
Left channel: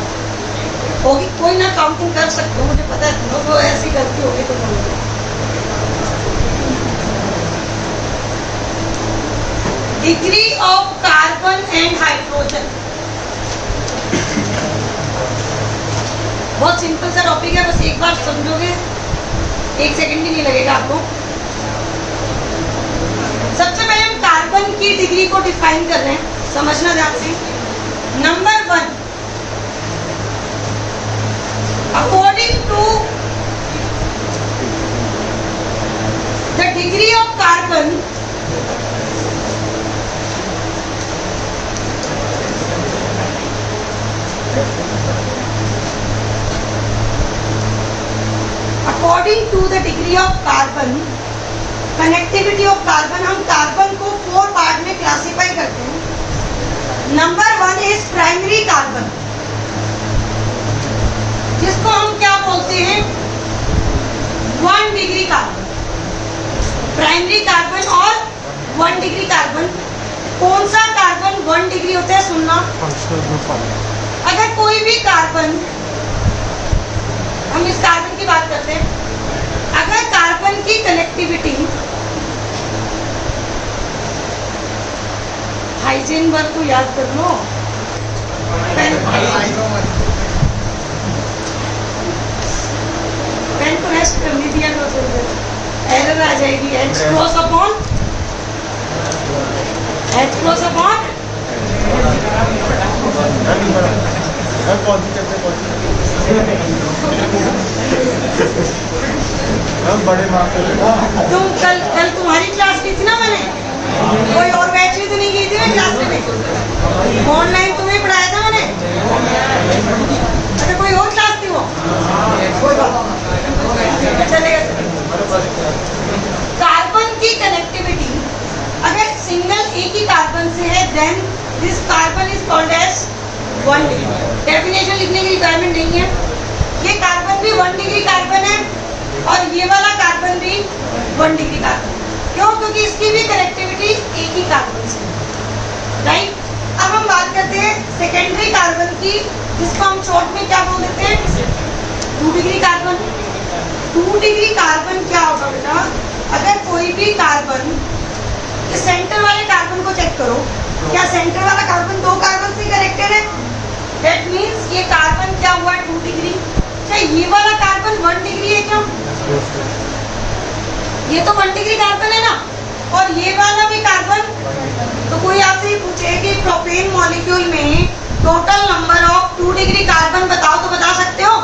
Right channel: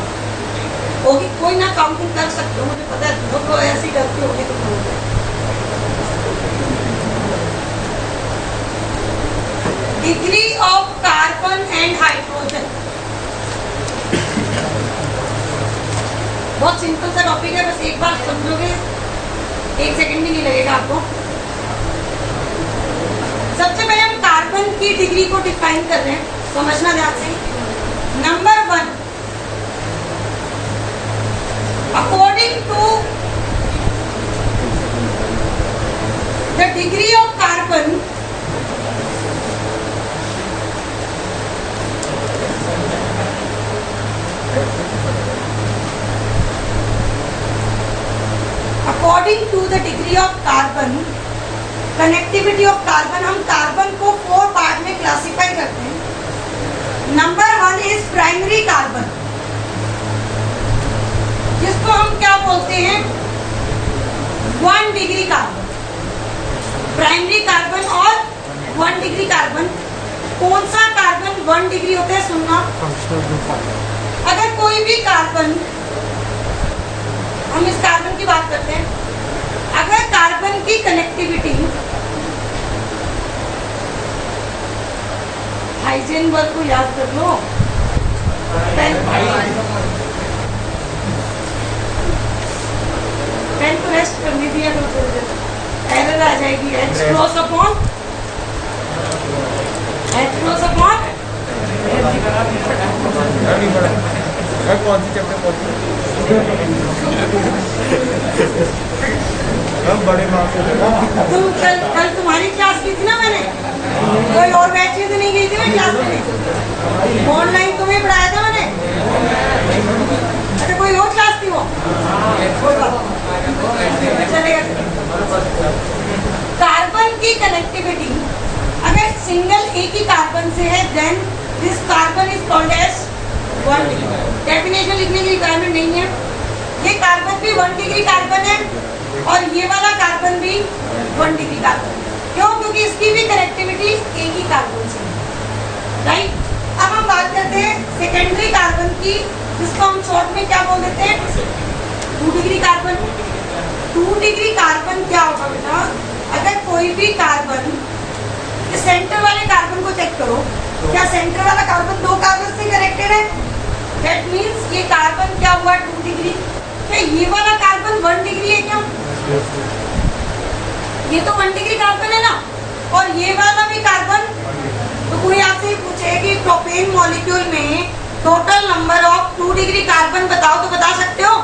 होगी, कोई ना काउंटिंग कर सकते हो, मुझे पता है। तो ऐसी गलती होगी तो बोलोगे। Degree of carbon and hydrogen. बहुत सिंपल सा टॉपिक है, बस एक बार समझोगे 1 सेकंड भी नहीं लगेगा आपको। सबसे पहले हम कार्बन की डिग्री को डिफाइन कर रहे हैं, समझना ध्यान से। Number 1, according to the degree of carbon according to the degree of carbon, connectivity of carbon, हम कार्बन को 4 पार्ट में क्लासिफाई करते हैं। नंबर 1 इज प्राइमरी कार्बन, जिसको हम क्या बोलते हैं, 1 डिग्री कार्बन। प्राइमरी कार्बन और 1 डिग्री कार्बन। कौन सा कार्बन 1 डिग्री होता है, सुनना। Functional group 1। अगर कोई भी कार्बन, हम इस कार्बन की बात करते हैं, अगर कार्बन की कनेक्टिविटी, हाइजेनबर्ग को याद कर लो, पेन को रेस्ट करने दिया करो थोड़ी देर, एरर आ जाएगी। H क्रॉस अपॉन कौन सी चैप्टर कौन सी बड़े मार्क्स से तुम कल तुम्हारी क्लास की थी ना, मैंने कोई और बैच में तो नहीं गई थी मैं क्लास में, ऑनलाइन तुम्हें पढ़ाया था मैंने। अच्छा, कोई और क्लास थी वो, कोई बात नहीं, चलेगा। कार्बन की कनेक्टिविटी अगर सिंगल एक ही कार्बन से है, then this carbon is called as 1 degree. Definition लिखने की रिक्वायरमेंट नहीं है। ये कार्बन भी 1 डिग्री कार्बन है और ये वाला कार्बन भी 1 डिग्री कार्बन। क्यों? क्योंकि इसकी भी कनेक्टिविटी एक ही कार्बन से है, राइट। अब हम बात करते हैं सेकेंडरी कार्बन की, जिसको हम शॉर्ट में क्या बोल देते हैं, 2 डिग्री कार्बन। 2 डिग्री कार्बन क्या होगा बेटा, अगर कोई भी कार्बन, सेंटर वाले कार्बन को चेक करो, क्या सेंटर वाला कार्बन 2 कार्बन से कनेक्टेड है? दैट मीन्स ये कार्बन क्या हुआ, 2 डिग्री। क्या ये वाला कार्बन 1 डिग्री है क्या? ये तो 1 डिग्री कार्बन है ना, और ये वाला भी कार्बन। तो कोई आपसे पूछे कि प्रोपेन मॉलिक्यूल में total number of 2 degree carbon बताओ, तो बता सकते हो?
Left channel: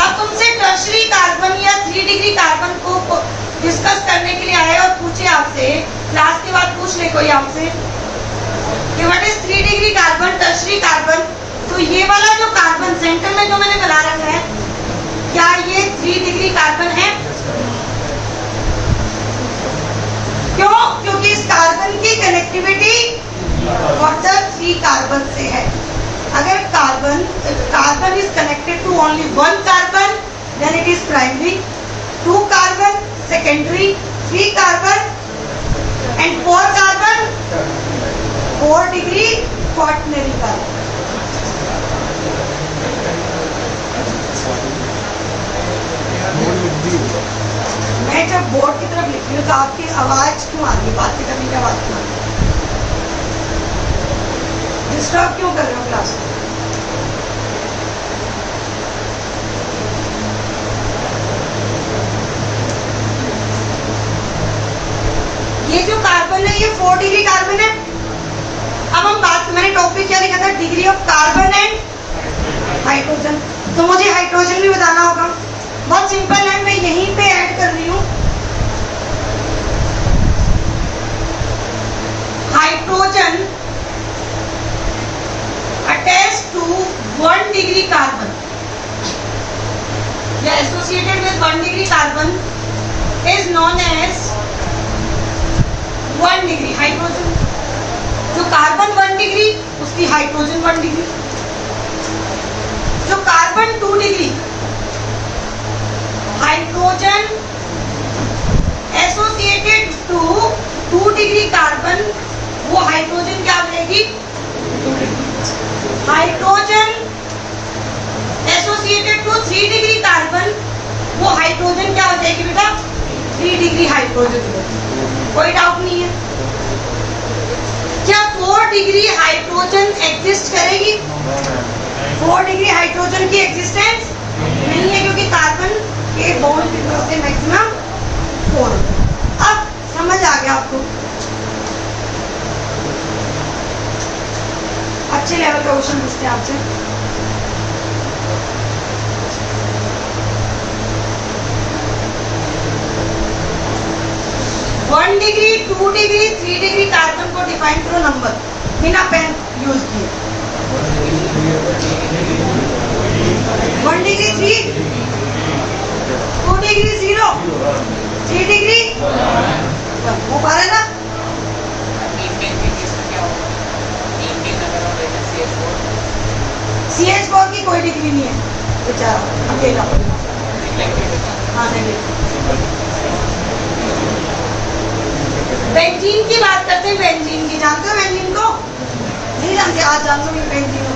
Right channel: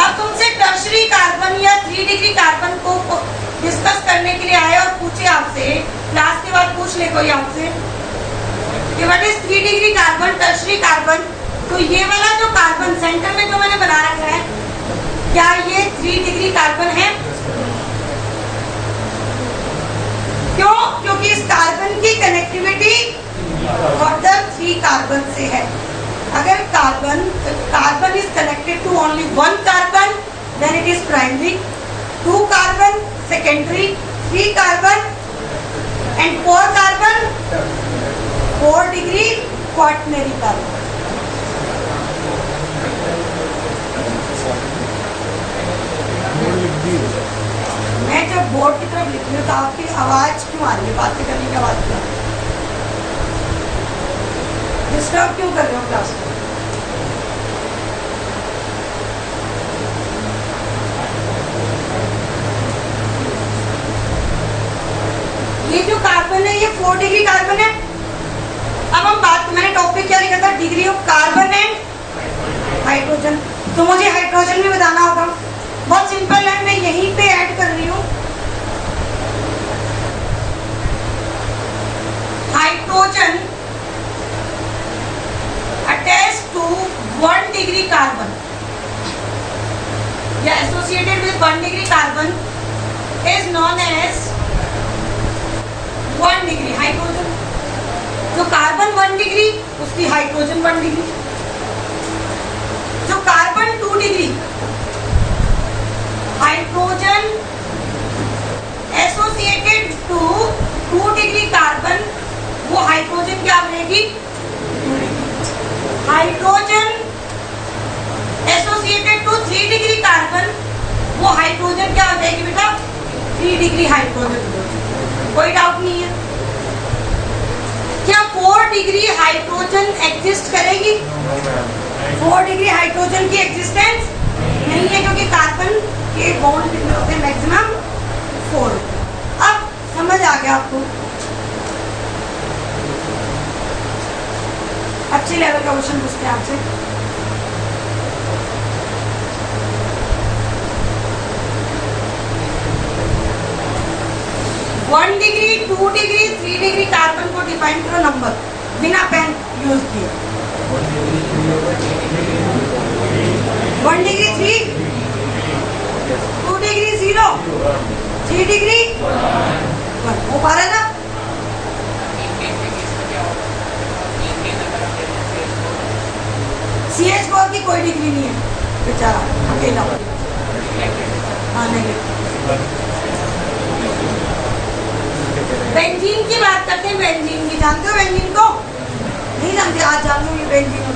अब तुमसे टर्शरी कार्बन या 3 डिग्री कार्बन को डिस्कस करने के लिए आए और पूछे आपसे, क्लास के बाद पूछ ले कोई आपसे कि what is 3 degree carbon, tertiary carbon, तो ये वाला जो कार्बन सेंटर में जो मैंने बना रखा है, क्या ये 3 डिग्री कार्बन है? क्यों? क्योंकि इस कार्बन की कनेक्टिविटी टोटल 3 कार्बन से है। अगर carbon is connected to only 1 carbon, then it is primary, 2 carbon secondary, 3 carbon and 4 carbon 4 degree quaternary carbon. मैं जब बोर्ड की तरफ लिख रही हूँ तो आपकी आवाज क्यों आ रही है, बात करने की आवाज क्यों आ रही है, डिस्टर्ब क्यों कर रहे हो क्लास को? ये जो कार्बन है ये 4 डिग्री कार्बन है। अब हम बात, मैंने टॉपिक क्या लिखा था, degree of carbon and hydrogen. तो मुझे हाइड्रोजन भी बताना होगा। बहुत सिंपल है, मैं यहीं पे ऐड कर रही हूँ hydrogen attach to 1 degree carbon या associated with 1 degree carbon is known as 1 degree hydrogen. जो कार्बन 1 डिग्री उसकी हाइड्रोजन 1 डिग्री। जो carbon 2 degree, hydrogen associated to 2 degree carbon, वो हाइड्रोजन क्या बनेगी, hydrogen associated to 3 degree carbon, वो hydrogen क्या हो जाएगी बेटा, 3 डिग्री हाइड्रोजन। कोई डाउट नहीं है। क्या 4 डिग्री हाइड्रोजन एग्जिस्ट करेगी? 4 डिग्री हाइड्रोजन की एग्जिस्टेंस नहीं है, क्योंकि कार्बन के बॉन्ड कितने होते हैं? मैक्सिमम 4। अब समझ आ गया आपको? अच्छे लेवल का क्वेश्चन पूछते हैं आपसे। One degree, 2 degree, 3 degree carbon को डिफाइन करो नंबर, बिना पेन यूज किए। 1 डिग्री 3, 2 डिग्री 0, 3 डिग्री 1। हो पा रहा है ना? CH4 की कोई डिग्री नहीं है बेचारा, अकेला। हाँ नहीं। बेंजीन की बात करते हैं। बेंजीन की जानते हो? बेंजीन को नहीं जानते? आज जान लो बेंजीन।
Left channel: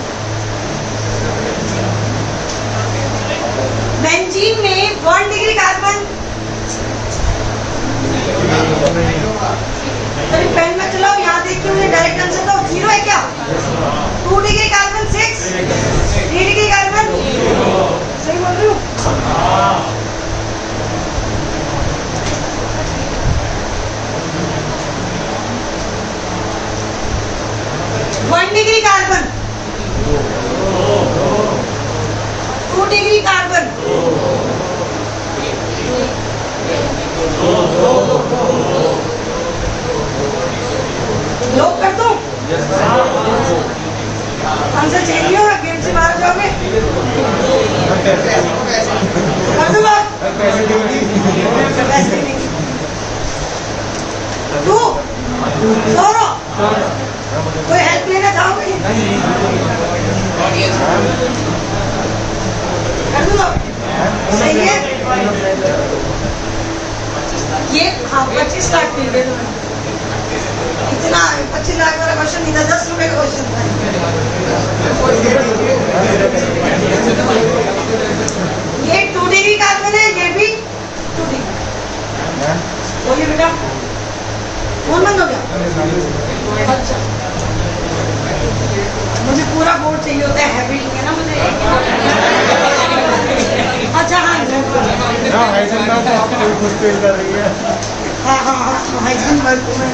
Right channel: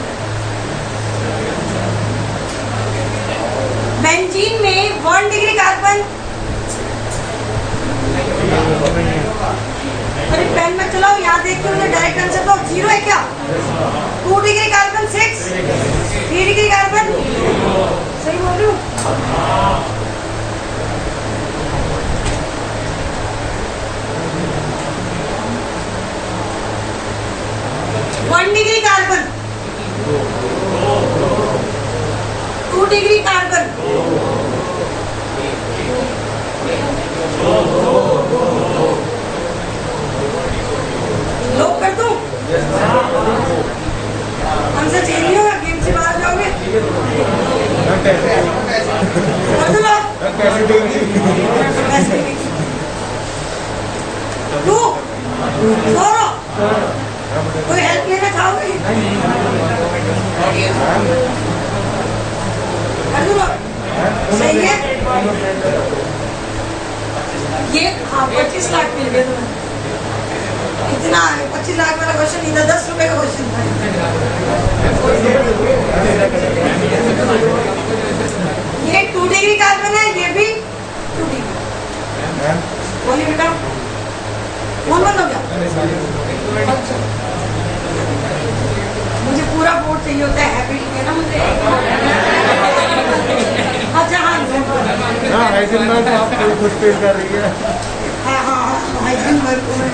बेंजीन में 1 डिग्री कार्बन, अरे पेन में चलाओ, यहाँ देख के मुझे डायरेक्ट आंसर दो। 0 है क्या? 2 डिग्री कार्बन 6, 3 डिग्री कार्बन, सही बोल रही हूँ? 1 डिग्री कार्बन, 2 डिग्री कार्बन, लोग कर दो। आंसर चेंज नहीं होगा, गेम से बाहर जाओगे। कर दो लोग। तू छोड़ो, कोई हेल्प लेना चाहोगे? कर दो लोग। सही है। ये हाँ 25 लाख मिल गए तुम्हें। इतना 25 लाख वाला क्वेश्चन नहीं था, 10 रुपए का क्वेश्चन था। ये 2 डिग्री कार्बन है, ये भी 2 डिग्री। बोलिए बेटा, फोन बंद हो गया? अच्छा, मुझे पूरा बोर्ड चाहिए होता है, हैबिट में ना मुझे। अच्छा हाँ हाँ हाँ हाइड्रोजन वर्क में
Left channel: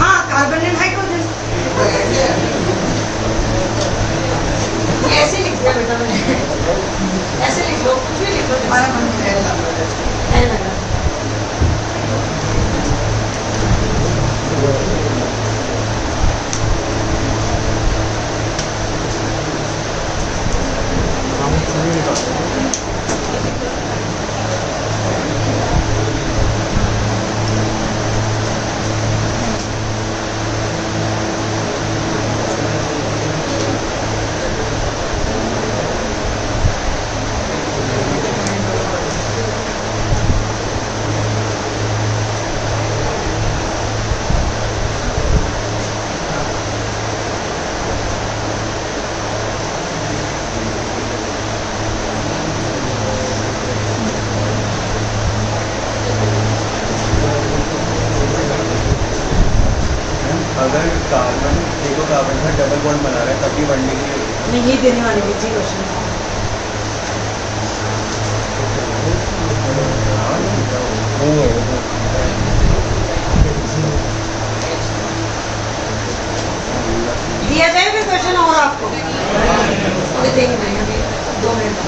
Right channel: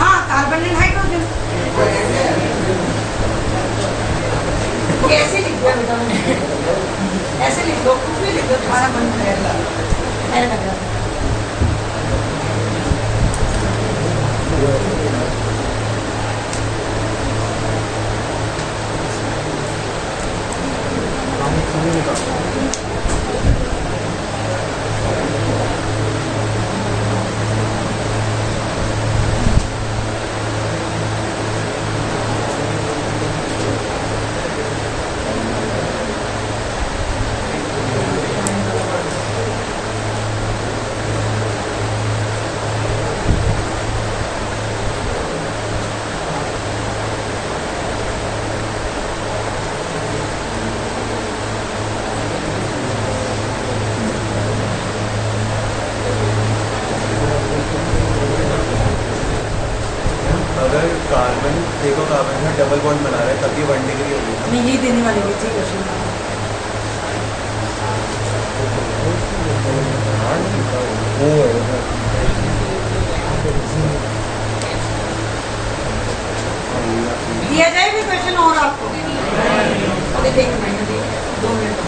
हाँ कार्बन एंड हाइड्रोजन। ये ऐसे लिख दिया बेटा मैंने, ऐसे लिख दो, कुछ भी लिख दो, तुम्हारा मन है लग रहा। अगर कार्बन देखो कार्बन में डबल बॉन्ड बना रहा है तभी 1 डिग्री होगी। नहीं यही देने वाली थी क्वेश्चन। दिया जाए फिर क्वेश्चन और आपको? ओके देखना है अभी 2 मिनट।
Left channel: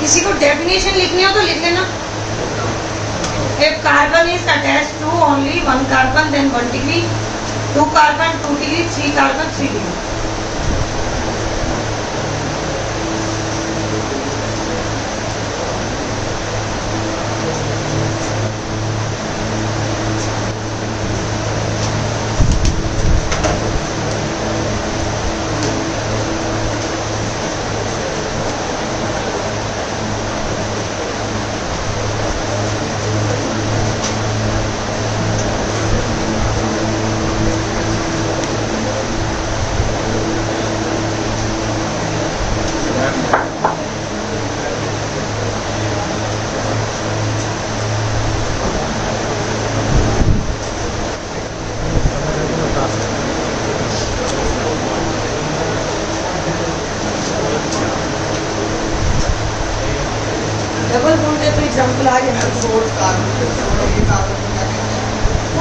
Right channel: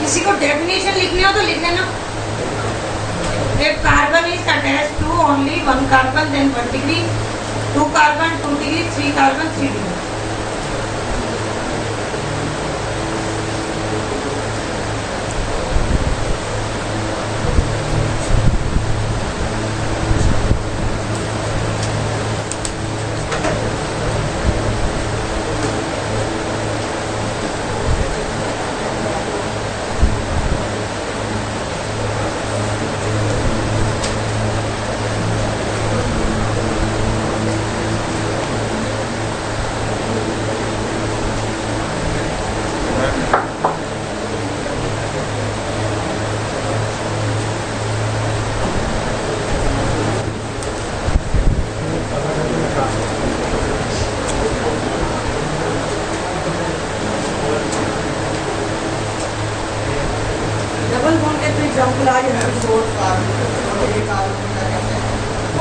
किसी को डेफिनेशन लिखनी हो तो लिख लेना। If carbon is attached to only 1 carbon, then 1 degree, 2 carbon 2 degree, 3 carbon 3 degree.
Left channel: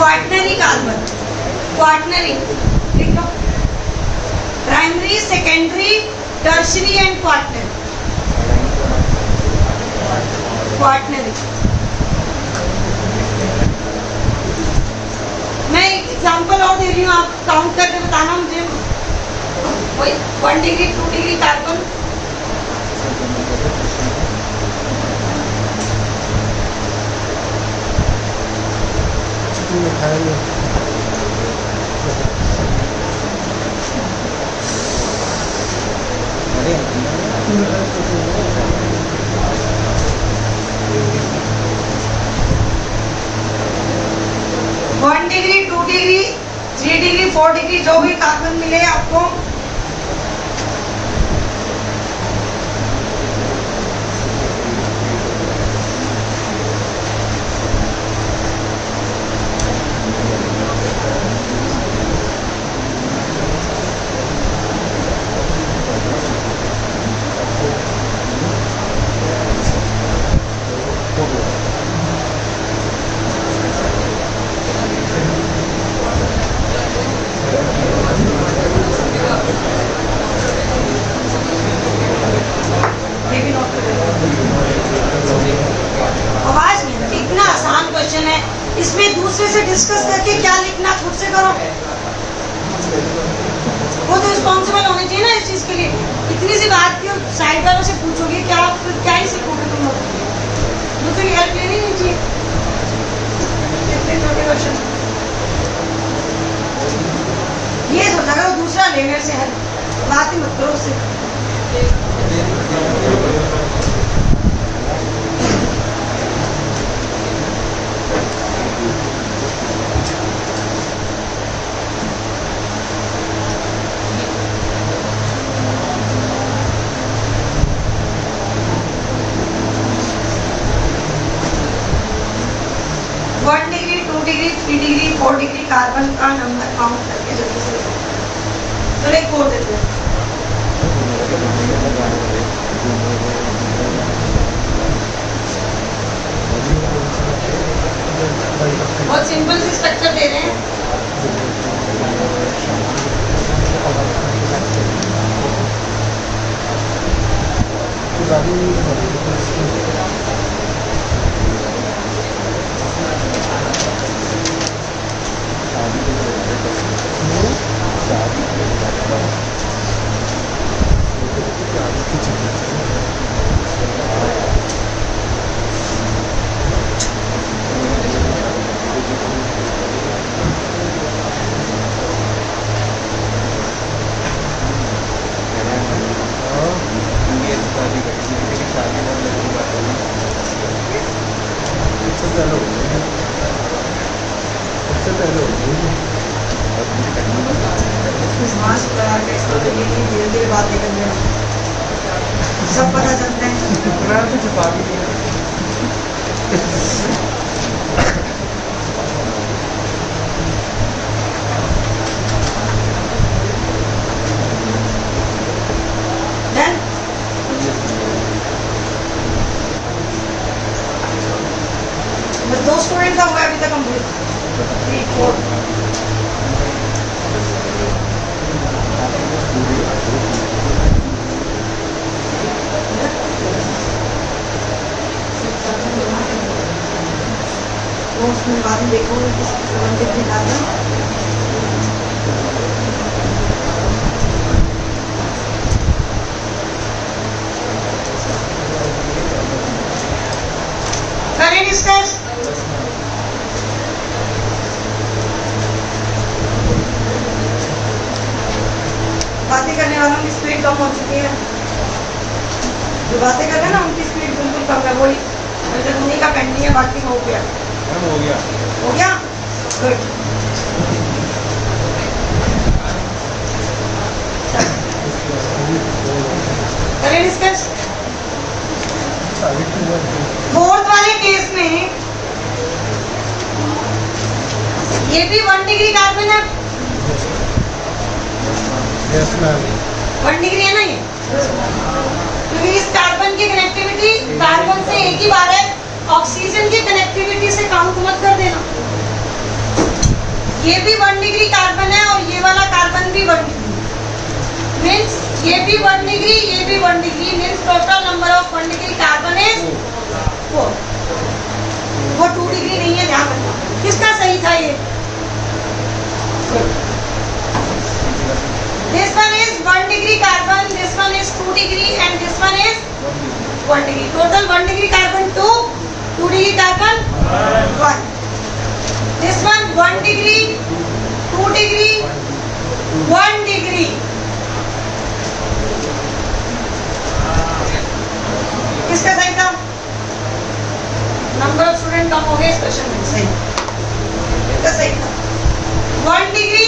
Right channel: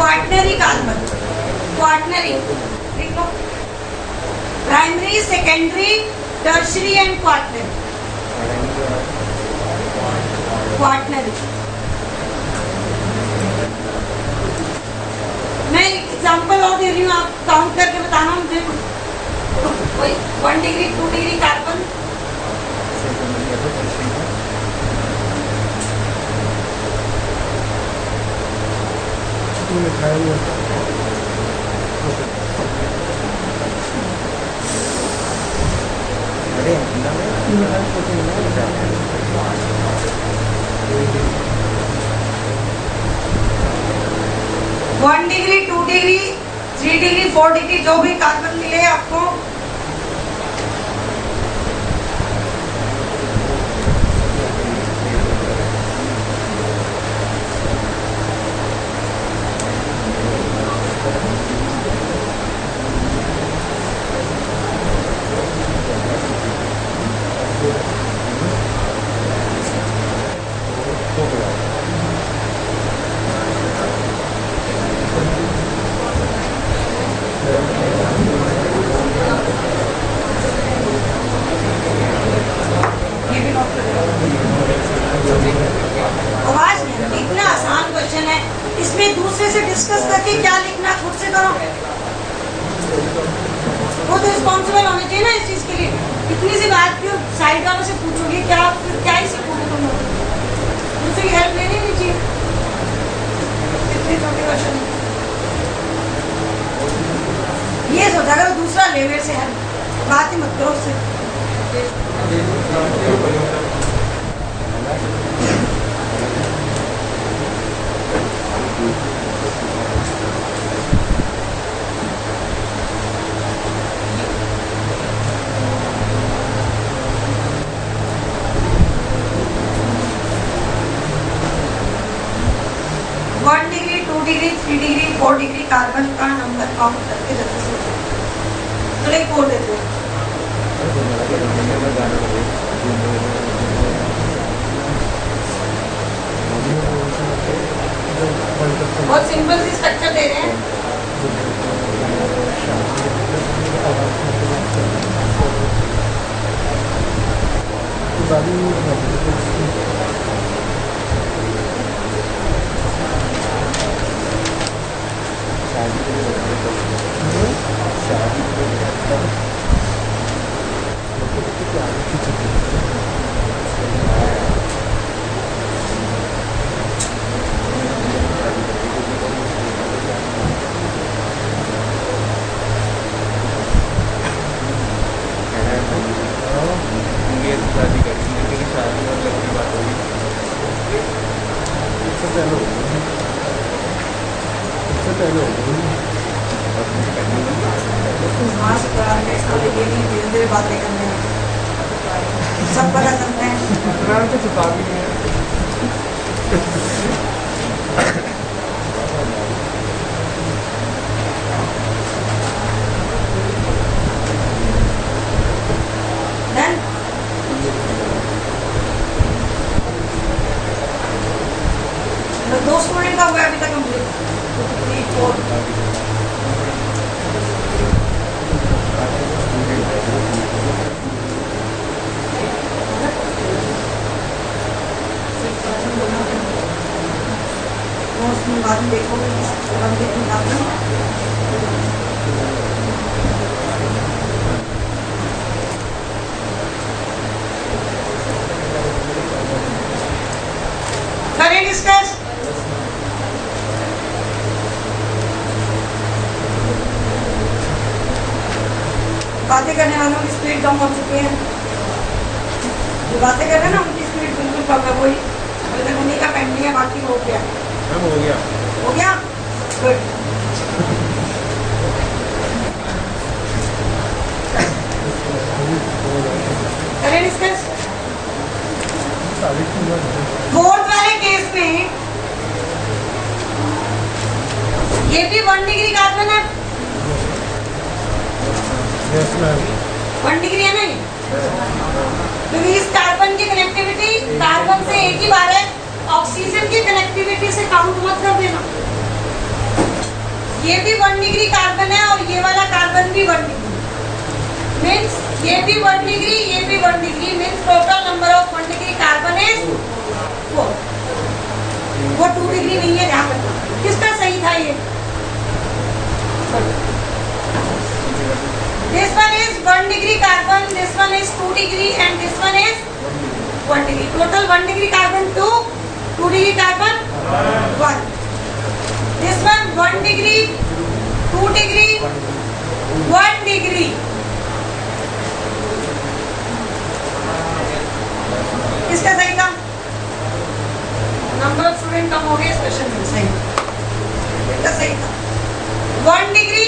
Quaternary carbon, quaternary लिख लो, primary, secondary, tertiary and quaternary, quaternary. मैं एक एग्जाम्पल और दे रही हूँ, आप काउंट करके बताना मुझे। कोई 1 degree 2 degree carbon, one degree 2 degree 3 degree 4 degree जो भी कार्बन मिले आपको, ये भी नोट कर लो। आवाज नहीं आती, इतना आसान क्वेश्चन है, इसमें दूसरे से डिस्कस करके क्या लिखना खुद से करो। वो तो रिस्पॉन्सिबल होने चाहिए ना इस चीज के लिए। इतनी सी बात की साइड वालों से पूछोगे क्या, फिर क्या ही सीखोगे तुम लोग, दूसरी हेल्प लेनी नहीं चाहिए। इतने छोटे क्वेश्चन ये सोचा करो दूसरा ले मेरे से हेल्प, बात ही मत करो उससे। One degree 2 degree 3 degree 4 degree carbon का नंबर काउंट करके जल्दी से चलो एक कोड देते हैं। बहुत सिंपल सी स्ट्रक्चर दे रहे हैं। मास्क लगा के धीरे धीरे बातें करने में सब पता चलता है। छुपा दिया। Done? दो स्टूडेंट का हुआ है अभी तक कंप्लीट, 3 4 बाद में देखोगे करें डिस्कस। बातें करने वालों की स्पीड कम हो चुकी है, जो बातें कर रहे हैं ना उनकी स्पीड बिल्कुल कम है। वही अभी तक उन्हीं का पेंडिंग है, बाकी हो गया हो गया गुड। करें डिस्कस। फोर्थ वाले केस में ये भी 1 डिग्री कार्बन है। Yes ma'am. 1 डिग्री है ना ये, क्योंकि इस कार्बन की कनेक्टिविटी कार्बन से एक ही बार है, ऑक्सीजन की कनेक्टिविटी से काउंट मत कर देना। ये भी 1 डिग्री कार्बन है और ये वाला कार्बन भी 1 डिग्री मीन्स ये भी 1 डिग्री, ये भी 1 degree means total number of 1 degree carbon is 4। वो 2 डिग्री नहीं है, ध्यान रखना। किसका सही था ये? This one is 1 degree carbon, this one is 2 degree and this one is 1 degree. Total 1 degree carbon 2, 2 degree carbon 1. This one 1 degree, 2 degree, 1 degree. किसका सही था? नंबर ऑफ स्टूडेंट कम हो गए इस क्वेश्चन में। सही, इसका सही था। 1 डिग्री,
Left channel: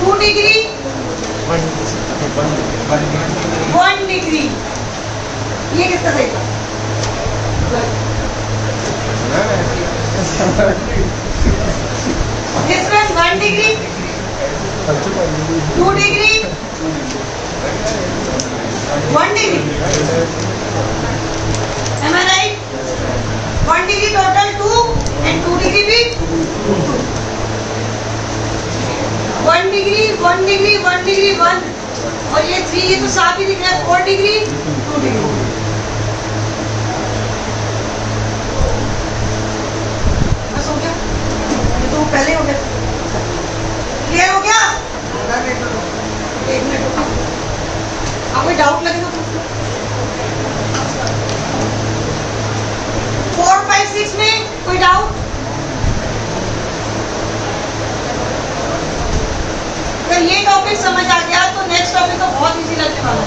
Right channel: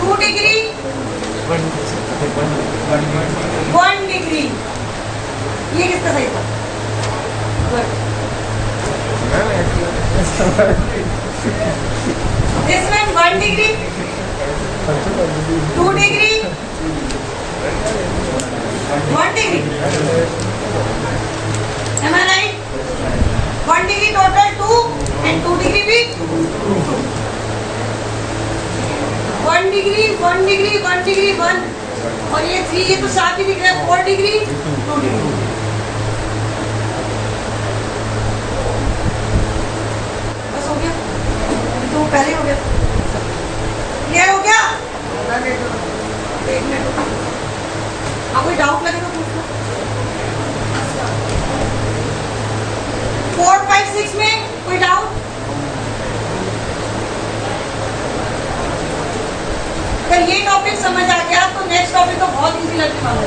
2 डिग्री, 1 डिग्री। ये किसका सही था? This one 1 degree, 2 degree, 1 degree. Am I right? 1 degree total 2 and 2 degree भी 2. 1 डिग्री, 1 डिग्री, 1 डिग्री 1 और ये 3, ये तो साफ ही दिख रहा है। 4 डिग्री, 2 डिग्री। बस हो गया, तो पहले हो गया। क्लियर हो गया? एक मिनट, आप कोई डाउट लगे तो पूछ लो। 4, 5, 6 में कोई डाउट? अगर ये टॉपिक समझ आ गया तो नेक्स्ट टॉपिक तो बहुत इजी लगने वाला है।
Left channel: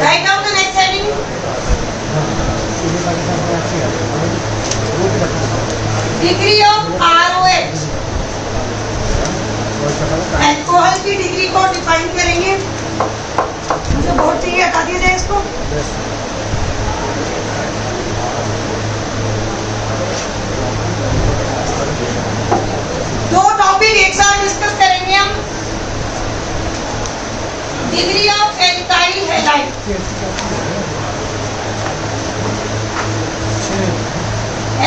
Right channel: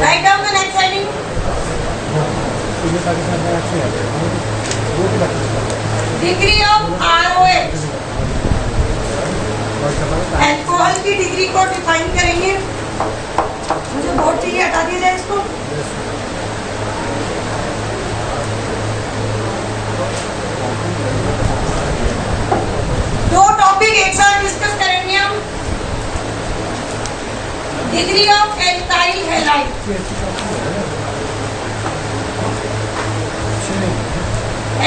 Write down the next heading. Degree of ROH, alcohol की डिग्री को डिफाइन करेंगे। मुझे बोर्ड चाहिए, हटा दिया जाए इसको। दो टॉपिक एक साथ डिस्कस करेंगे हम। Degree of alkyl halide.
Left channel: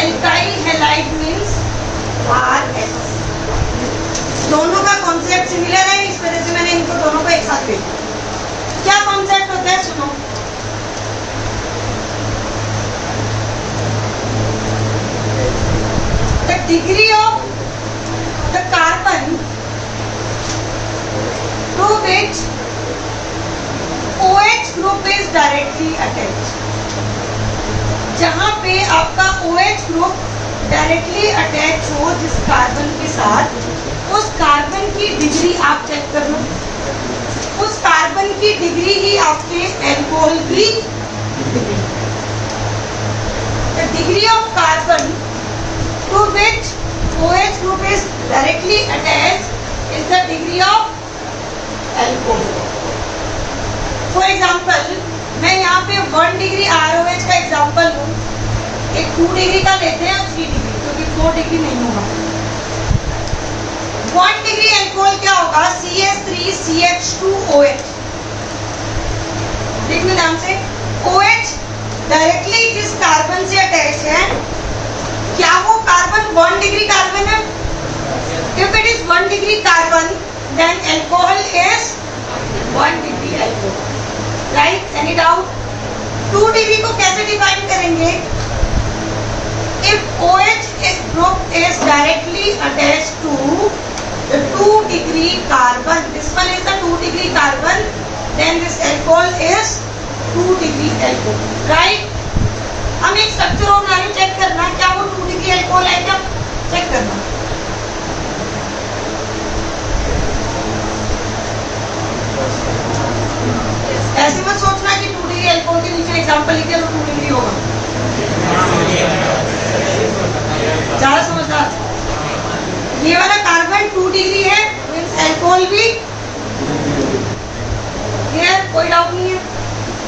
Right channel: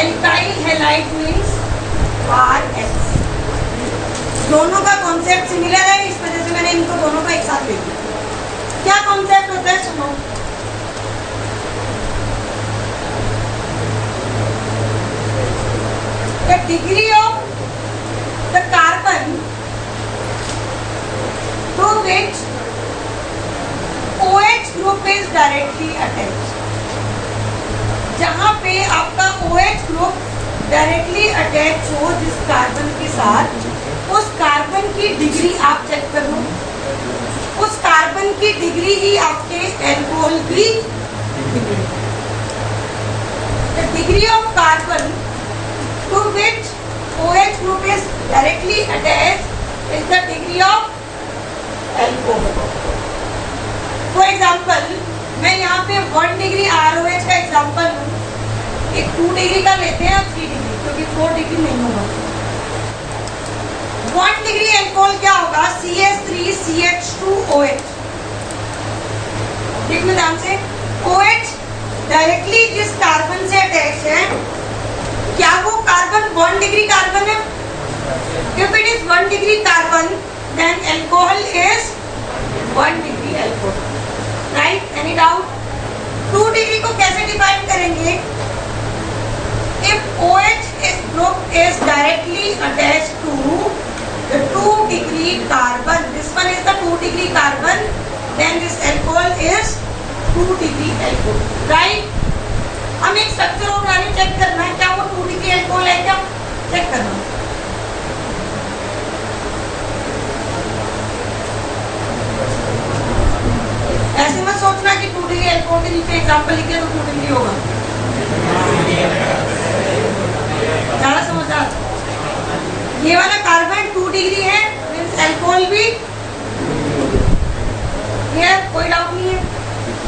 Alkyl halide means RH। दोनों का कॉन्सेप्ट सिमिलर है, इस वजह से मैंने इनको दोनों को एक साथ ले लिया। क्या कॉन्सेप्ट होता है सुनो। The degree of the carbon to which OH group is directly attached। जहां पे आपका OH ग्रुप डायरेक्टली अटैच हो जिस कार्बन के साथ, उस कार्बन की डिग्री आप चेक कर लो। उस कार्बन की डिग्री ही आपके एल्कोहल की degree. The degree of carbon to which OH group is directly attached is the degree of alcohol. For example, मैं यहाँ पे 1 डिग्री ROH का एग्जाम्पल हूँ, एक 2 डिग्री का लेते हैं और 3 डिग्री, क्योंकि 4 डिग्री नहीं होगा। 1 डिग्री एल्कोहल क्या होगा? CH3CH2OH। देखना ध्यान से, OH डायरेक्टली जिस कार्बन से अटैच है, क्या वो कार्बन 1 डिग्री कार्बन है? If it is 1 degree carbon, then alcohol is 1 degree alcohol. Right? Any doubt? 2 degree को कैसे डिफाइन करेंगे? If OH group is directly attached to the 2 degree carbon, this one is the 2 degree carbon, then this alcohol is 2 degree alcohol. Right? हम एक structure of value check करना है, क्या वो 2 degree alcohol है क्या? चेक करना। ऐसे मत सोचना कि 2 डिग्री अल्कोहल के नीचे एग्जांपल लिखे तो 2 डिग्री होगा। ज़्यादा समझदार। ये वाला कार्बन 2 डिग्री है, मीन्स अल्कोहल भी। क्लियर? कोई डाउट नहीं है।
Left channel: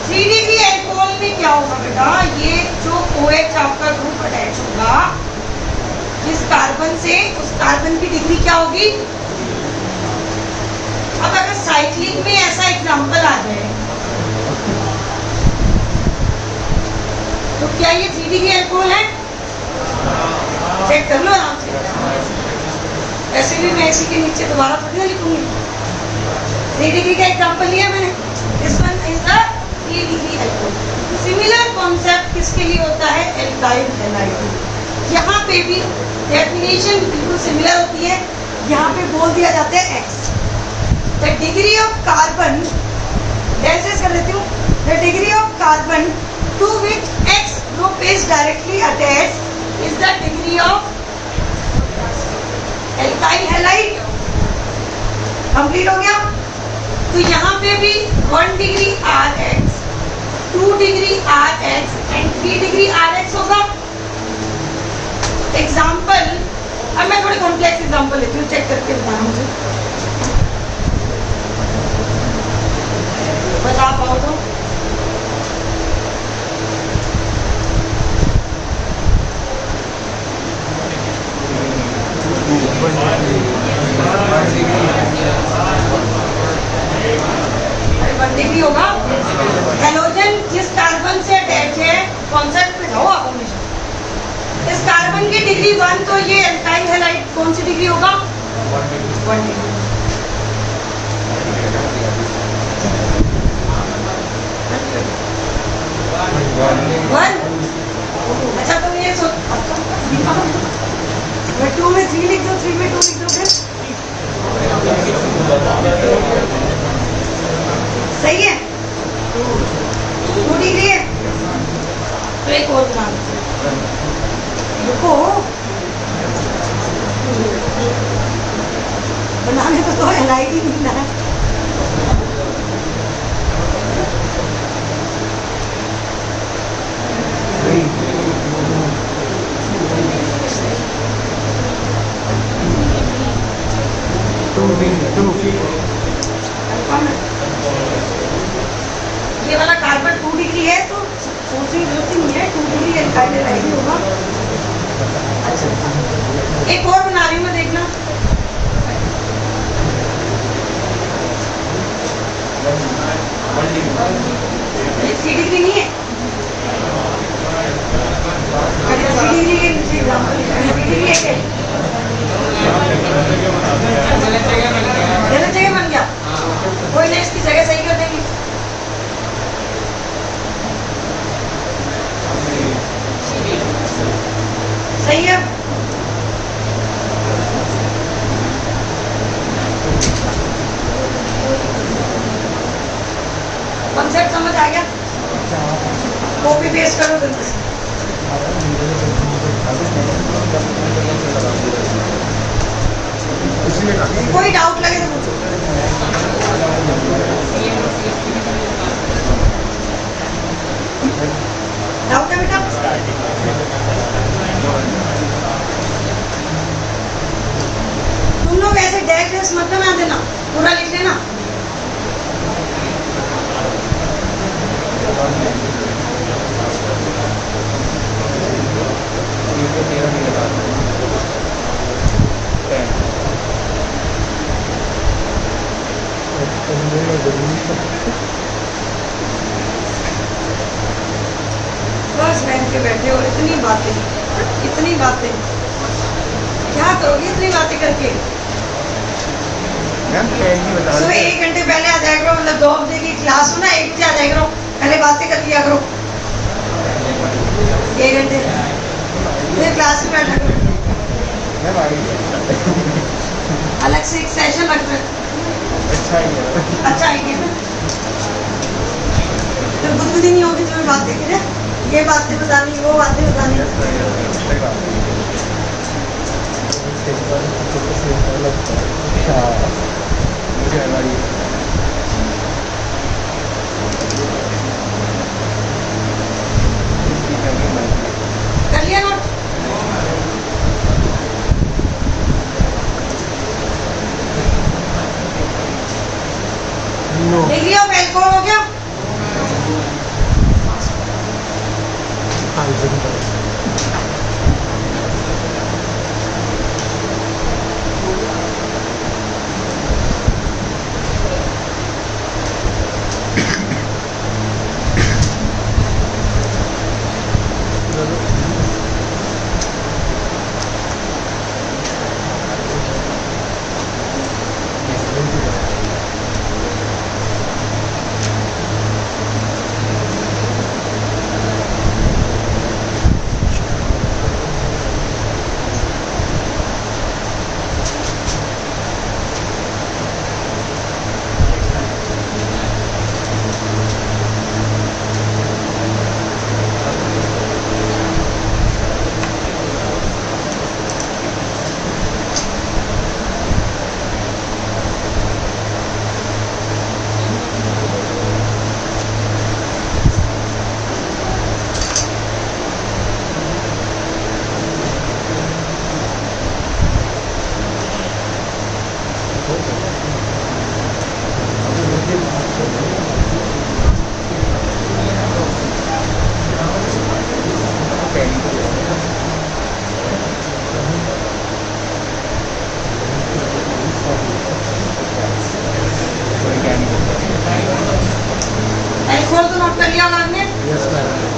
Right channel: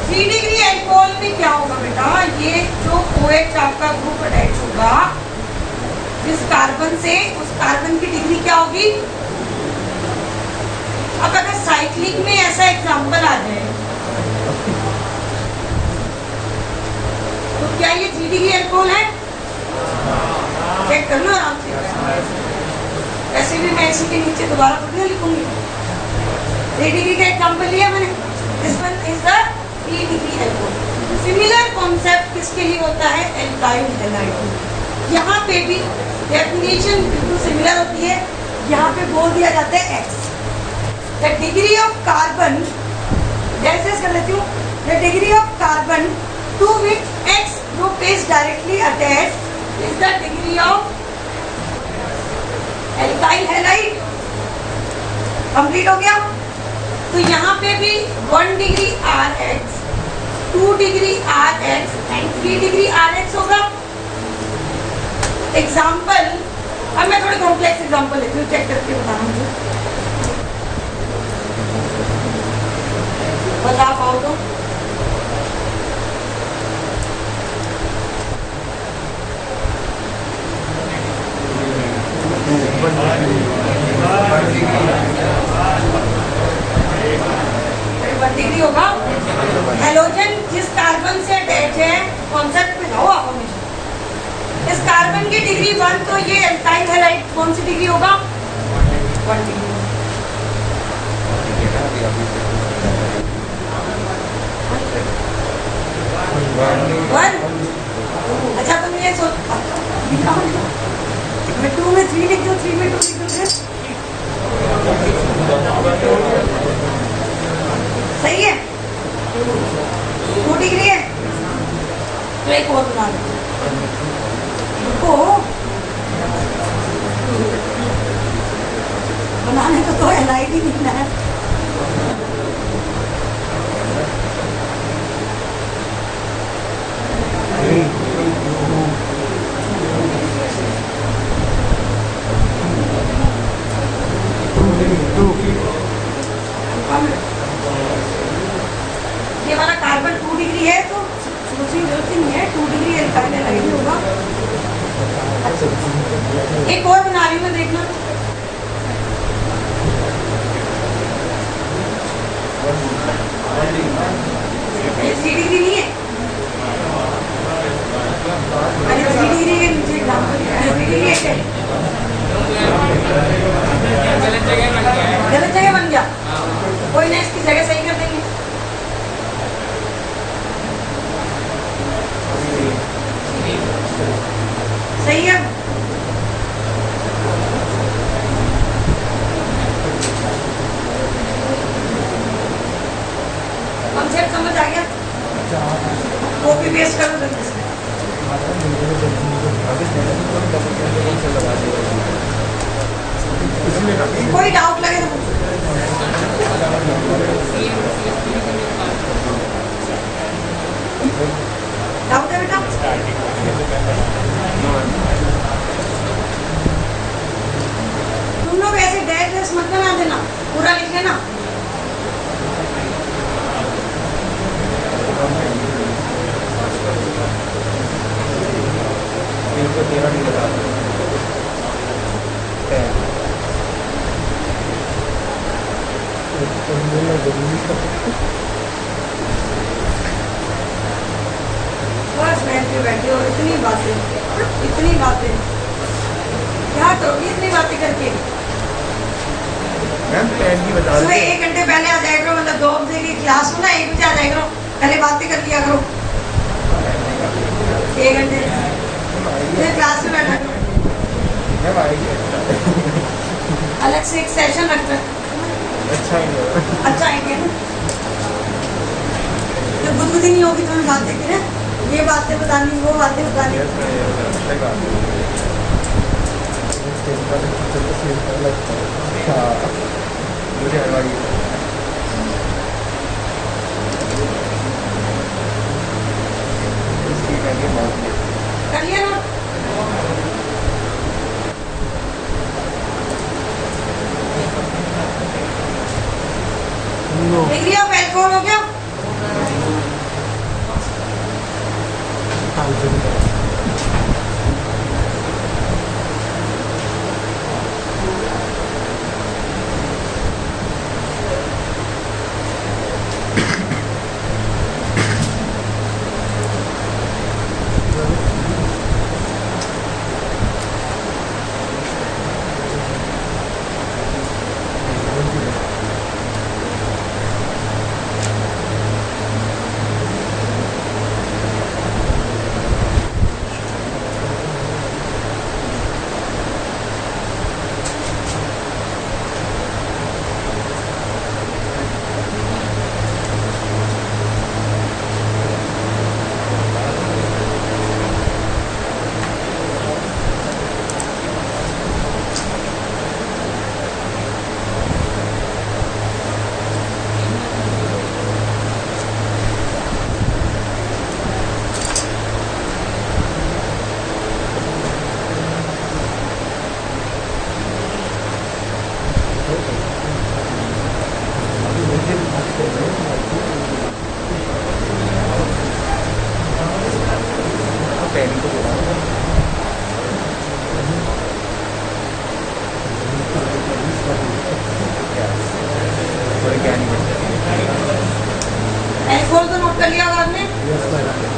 3 डिग्री अल्कोहल में क्या होगा बेटा? ये जो OH आपका ग्रुप अटैच होगा जिस कार्बन से, उस कार्बन की डिग्री क्या होगी? अब अगर साइक्लिक में ऐसा एग्जांपल आ जाए तो क्या ये 3 डिग्री अल्कोहल है? चेक कर लो आराम से। ऐसे भी मैं इसी के नीचे दोबारा थोड़ी ना लिखूंगी। 3 डिग्री का एग्जांपल लिया मैंने। This one is the 3 degree alcohol. Similar concept किसके लिए होता है? Alkyl halide. यहाँ पे भी डेफिनेशन बिल्कुल सिमिलर होती है। यहाँ पे बोल दिया जाता है X. The degree of carbon, ऐसे कर लेती हूँ, the degree of carbon to which X group is directly attached is the degree of alkyl halide. Complete हो गया। तो यहाँ पे भी 1 degree R X, 2 degree R X and 3 degree R X होगा। एग्जाम्पल, अब मैं थोड़ी कॉम्प्लेक्स एग्जाम्पल लेती हूँ, चेक करके बताना मुझे, बता पाओ तो। डिग्री होगा। हेलोजन जिस कार्बन से अटैच है, कॉन्सेप्ट पे जाओ आप हमेशा। इस कार्बन की डिग्री 1, तो ये एल्काइल हैलाइड कौन सी डिग्री होगा? 1 डिग्री। अच्छा तुम ये सोच, मैं 2 में 3 लिख दो, 3 में 2 लिख दो, फिर सही है। 2 डिग्री है तो एक और बना दो। देखो बनाने को तो एलाइड ही मिलना है। ये वाला कार्बन 2 डिग्री है तो सोचने की जरूरत ही नहीं है, 2 डिग्री एल्काइल हैलाइड होगा। अच्छा एक और बना रही हूँ मैं, देखना। ये 3 डिग्री नहीं है। अरे 3 डिग्री के नीचे एग्जाम्पल 3 डिग्री है क्या? गलत जगह बन गया, कोई नहीं, इसकी जगह सही कर देंगे। सही है। कॉन्सेप्ट समझ आ गया? कॉपी पेस्ट करो जल्दी से। कोई डाउट लगे तो पूछो। डाउट है बेटा? तुम लोग ऐसे डैश मत बना देना, पूरा लिख लेना। बस बैठ के बैठे हो, इतनी बातें क्या करोगे इतनी बातें करके? सुबह 1 घंटे पहले आ जाया करो, मतलब 2 बजे की क्लास हो ना, 1 बजे आ जाया करो, पहले बातें कर लिया करो 1 घंटे, फिर क्लास में बैठा करो। अलग से एक सेशन रख रहे। अच्छा आइडिया। तो गुदगुदी नहीं होगी, तुम्हें बातें करें, ये बातें बतानी, वो बातें बतानी। कर लिया नोट? डिग्री ऑफ एल्कोहल हो गया? बोल तो नोट कर लिया होगा आपने। Yes madam.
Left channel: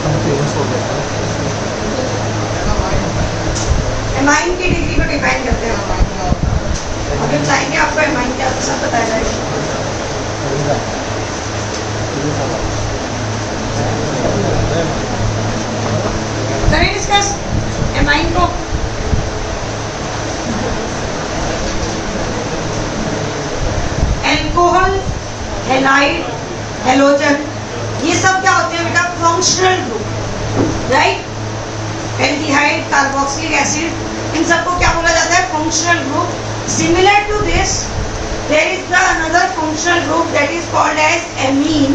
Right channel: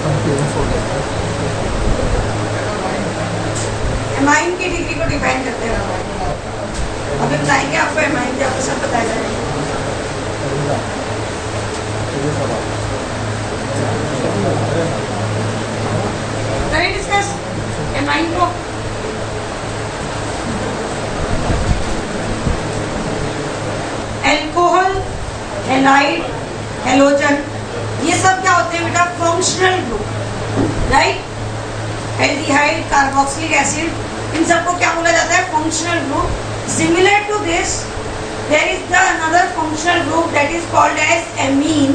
हम फेमस हो गए हैं। एमाइन की डिग्री को डिफाइन करते हैं। अगर चाहेंगे आपको एमाइन क्या होता है सब बताया जाएगा। ये सवाल करें डिस्कस एमाइन को। एल्कोहल, हैलाइड, हेलोजन, ये सब क्या होते हैं बेटा? Functional group, right? Aldehyde, carboxylic acid, इन सबको क्या बोला जाता है? Functional group. Similar to this there is the another functional group that is called as amine,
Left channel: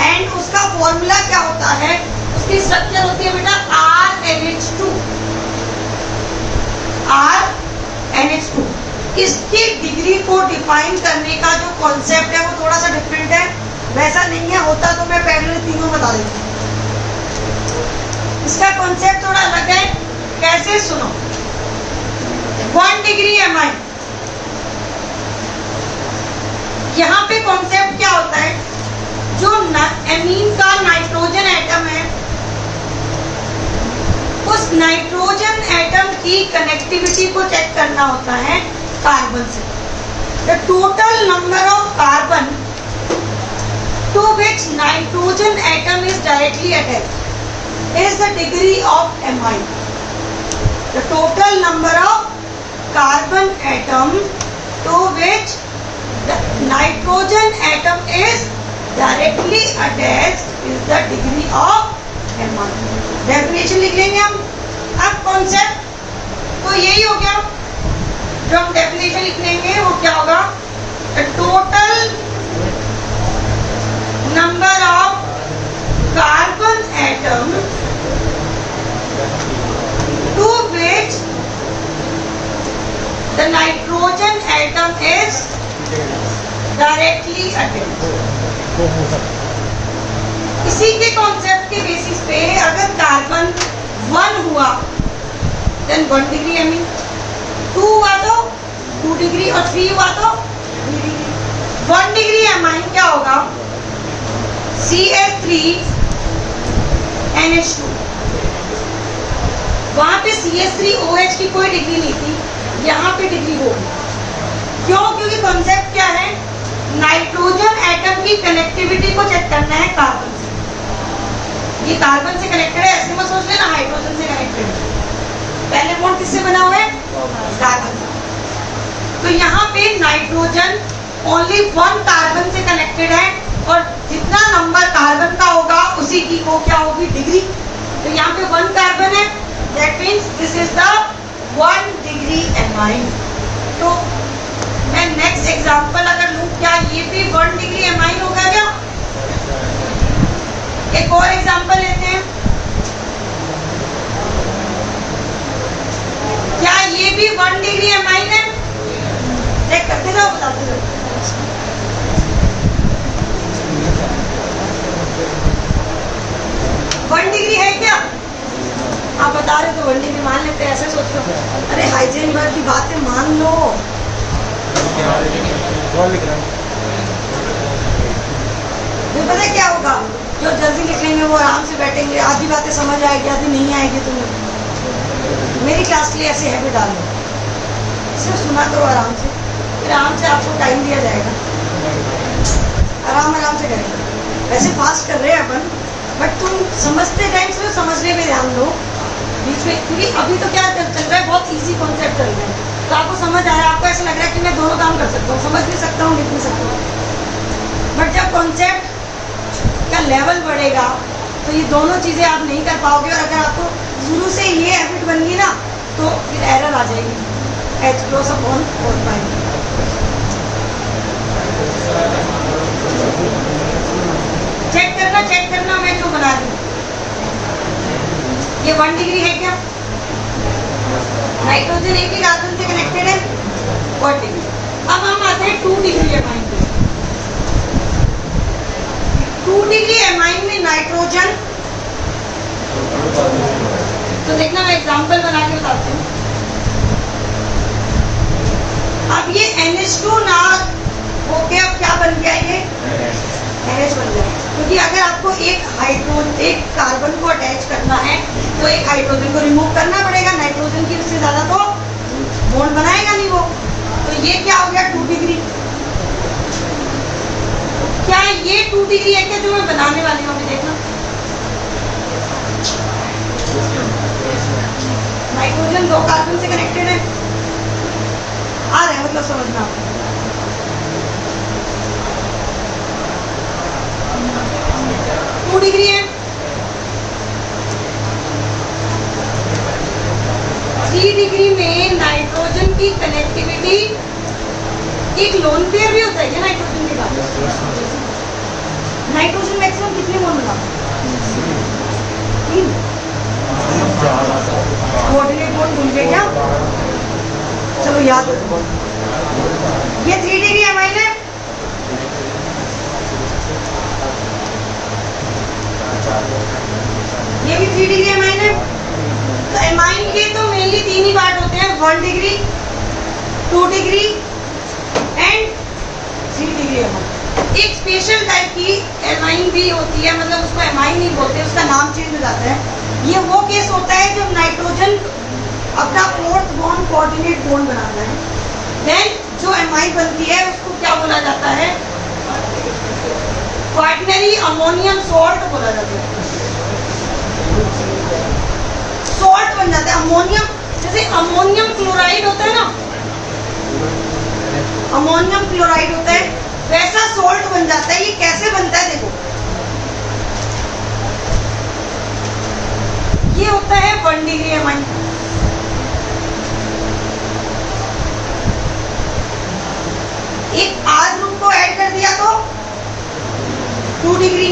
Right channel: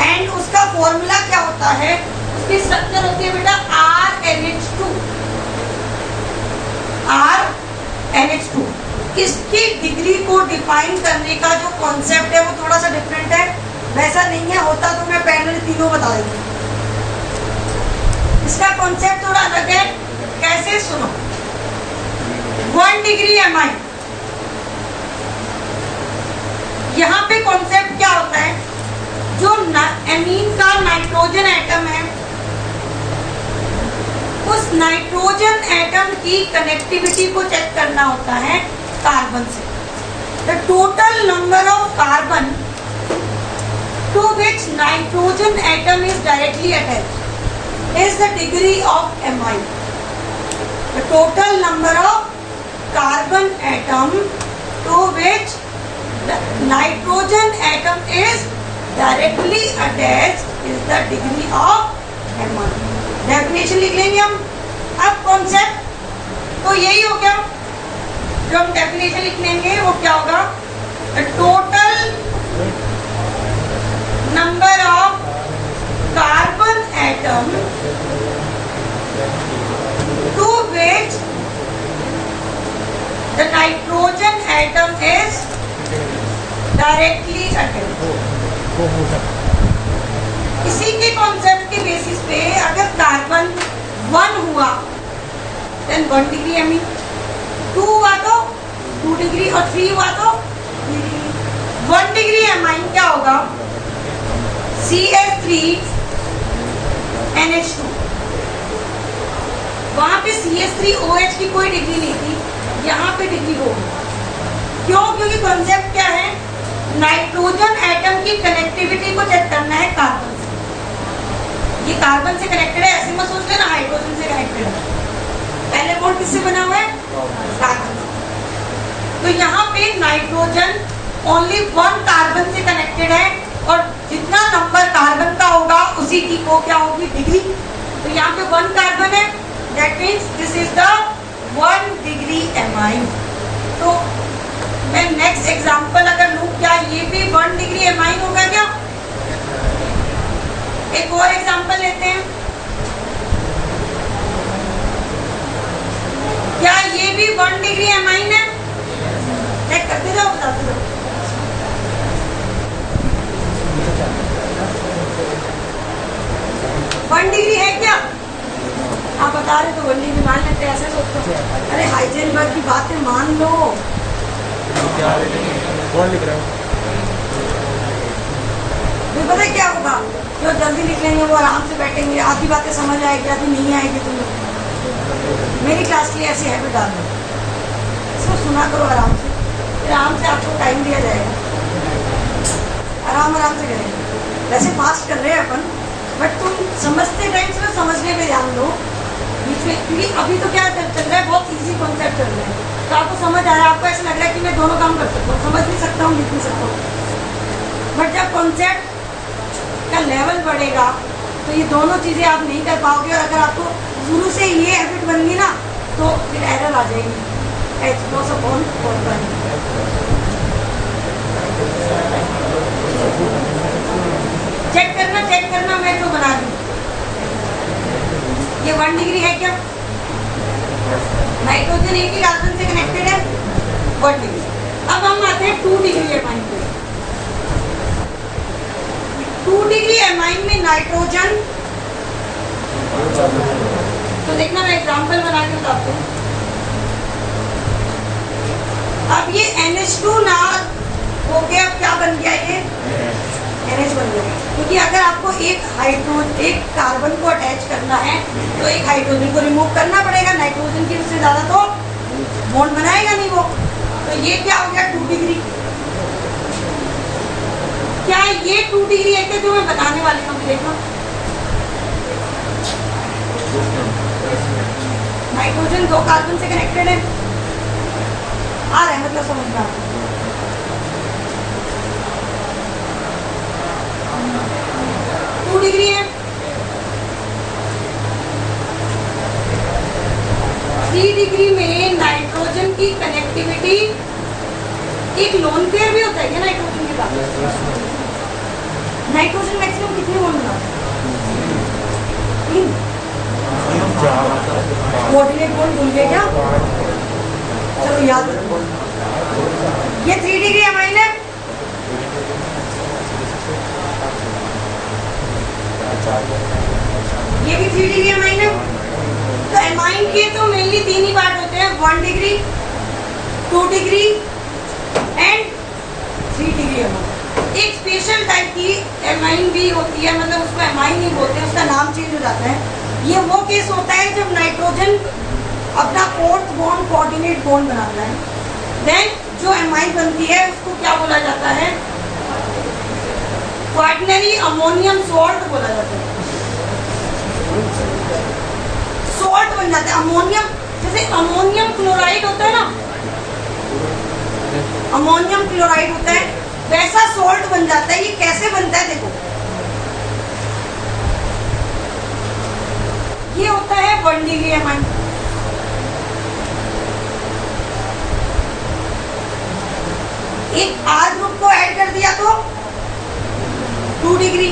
and उसका फॉर्मूला क्या होता है? उसकी स्ट्रक्चर होती है बेटा RNH2। RNH2 इसकी डिग्री को डिफाइन करने का जो कॉन्सेप्ट है वो थोड़ा सा डिफरेंट है। वैसा नहीं है, होता तो मैं पैरेलल तीनों बता देती। इसका कॉन्सेप्ट थोड़ा अलग है। कैसे? सुनो। 1 डिग्री एमाइन, यहाँ पे कॉन्सेप्ट क्या होता है? जो एमीन का नाइट्रोजन एटम है, उस नाइट्रोजन एटम की कनेक्टिविटी को चेक करना होता है कार्बन से। The total number of carbon to which nitrogen atom is directly attached is the degree of amine. The total number of carbon atom to which the nitrogen atom is directly attached is the degree of amine. Definition लिख लेंगे हम। अब concept तो यही हो गया। जो हम definition लिख लेंगे वो क्या होगा? The total number of carbon atom to which the nitrogen atom is directly attached। इसी के कॉन्सेप्ट के बेसिस पे अगर कार्बन 1 हुआ देन 1 डिग्री एमीन, 2 हुआ तो 2 डिग्री और 3 हुआ तो 3 डिग्री। 1 डिग्री एमाइन क्या होगा? CH3NH2। वहां पे CH3OH की कोई डिग्री नहीं थी, यहाँ पे डिग्री होगी। क्यों? क्योंकि कॉन्सेप्ट क्या है? नाइट्रोजन एटम की कनेक्टिविटी को चेक करना है कार्बन से। ये कार्बन से कनेक्टेड है, ऐसे मत सोच लेना हाइड्रोजन से कनेक्टेड है। पहले बॉन्ड किससे बना हुआ है? कार्बन से। तो यहाँ पे नाइट्रोजन ओनली 1 कार्बन से कनेक्टेड है, और जितना नंबर कार्बन का होगा उसी की को क्या होगी? डिग्री। तो यहाँ पे 1 कार्बन है, that means this is the 1 degree amine. तो मैं नेक्स्ट एग्जांपल अगर लूँ, क्या ये भी 1 डिग्री एमाइन होगा क्या? एक और एग्जांपल लेते हैं। क्या ये भी 1 डिग्री एमाइन है? चेक करते जाओ, बताते जाओ। 1 डिग्री है क्या? आप बता रहे तो 1 डिग्री मान लेते हैं, ऐसे सोचते हो। अरे हाइजेनबर्ग की बातें मान लो। तो पता क्या होगा? जो जल्दी लिख लेंगे वो आराम से बैठेंगे, आधी बातें समझ आएगी, आधी नहीं आएगी। तुम्हें मेरी क्लास के लिए ऐसे हैबिट डाल लो, सिर्फ सुना करो आराम से, फिर आराम से आपको टाइम दिया जाएगा, आराम से करेंगे। वैसे फास्ट कर रहे हैं अपन, बट तुम समझते टाइम सिर्फ समझने पे ध्यान दो बीच में, क्योंकि अभी तो क्या चल रहा है? बहुत इजी कॉन्सेप्ट चल रहा है। तो आपको समझ आ रहा है, आपको ऐसा लग रहा है कि मैं दोनों काम कर सकता हूँ, समझ भी सकता हूँ, लिख भी सकता हूँ। बट जब कॉन्सेप्ट का लेवल बढ़ेगा तो ये दोनों चीज़ें आप नहीं कर पाओगे। और अगर आपको शुरू से ये हैबिट बन गई ना तो फिर एरर आ जाएगी। H क्रॉस अपॉन 4 चेक करना मैं क्यों बना रही हूँ। ये 1 डिग्री है क्या? नाइट्रोजन एक ही कार्बन से कनेक्टेड है 1 डिग्री। अब हम आते हैं 2 डिग्री एमाइन पे। 2 डिग्री एमाइन में नाइट्रोजन, तो देखना मैं एग्जांपल बना के बताती हूँ। अब ये NH2 ना होके अब क्या बन गया, ये NH बन गया। क्योंकि अगर आपको एक कार्बन को अटैच करना है तो एक हाइड्रोजन को रिमूव करना पड़ेगा, नाइट्रोजन की उससे ज्यादा तो बॉन्ड बनाएगा नहीं वो। तो ये क्या हो गया 2 डिग्री। क्या ये 2 डिग्री है क्या जो मैं बनाने वाली हूँ? देखना, नाइट्रोजन 2 कार्बन से कनेक्टेड है, आ रहा है मतलब समझना। 2 डिग्री है। 3 डिग्री में नाइट्रोजन की कनेक्टिविटी, एक लोन पेयर भी होता है क्या नाइट्रोजन के बाद? नाइट्रोजन मैक्सिमम कितने बॉन्ड बनाता है? 3। कोऑर्डिनेट बॉन्ड भूल गए क्या? चलो याद रखो, ये 3 डिग्री एमाइन है। ये भी 3 डिग्री एमाइन है। तो एमाइन के तो मेनली 3 ही पार्ट होते हैं, 1 degree, 2 degree and 3 degree amine. एक स्पेशल टाइप की एमाइन भी होती है, मतलब उसको एमाइन नहीं बोलते, उसका नाम चेंज हो जाता है। ये वो केस होता है जब नाइट्रोजन अपना 4th बॉन्ड कोऑर्डिनेट बॉन्ड बनाना है, देन जो एमाइन बनती है उसको क्या बोला जाता है? क्वाटरनरी अमोनियम सॉल्ट बोला जाता है। सॉल्ट बन जाता है अमोनियम, जैसे अमोनियम क्लोराइड होता है ना, अमोनियम क्लोराइड होता है, वैसा सॉल्ट बन जाता है। ये कैसे बनता है देखो, ये होता है 1 डिग्री एमाइन। एक R ग्रुप को ऐड कर दिया तो 2 डिग्री,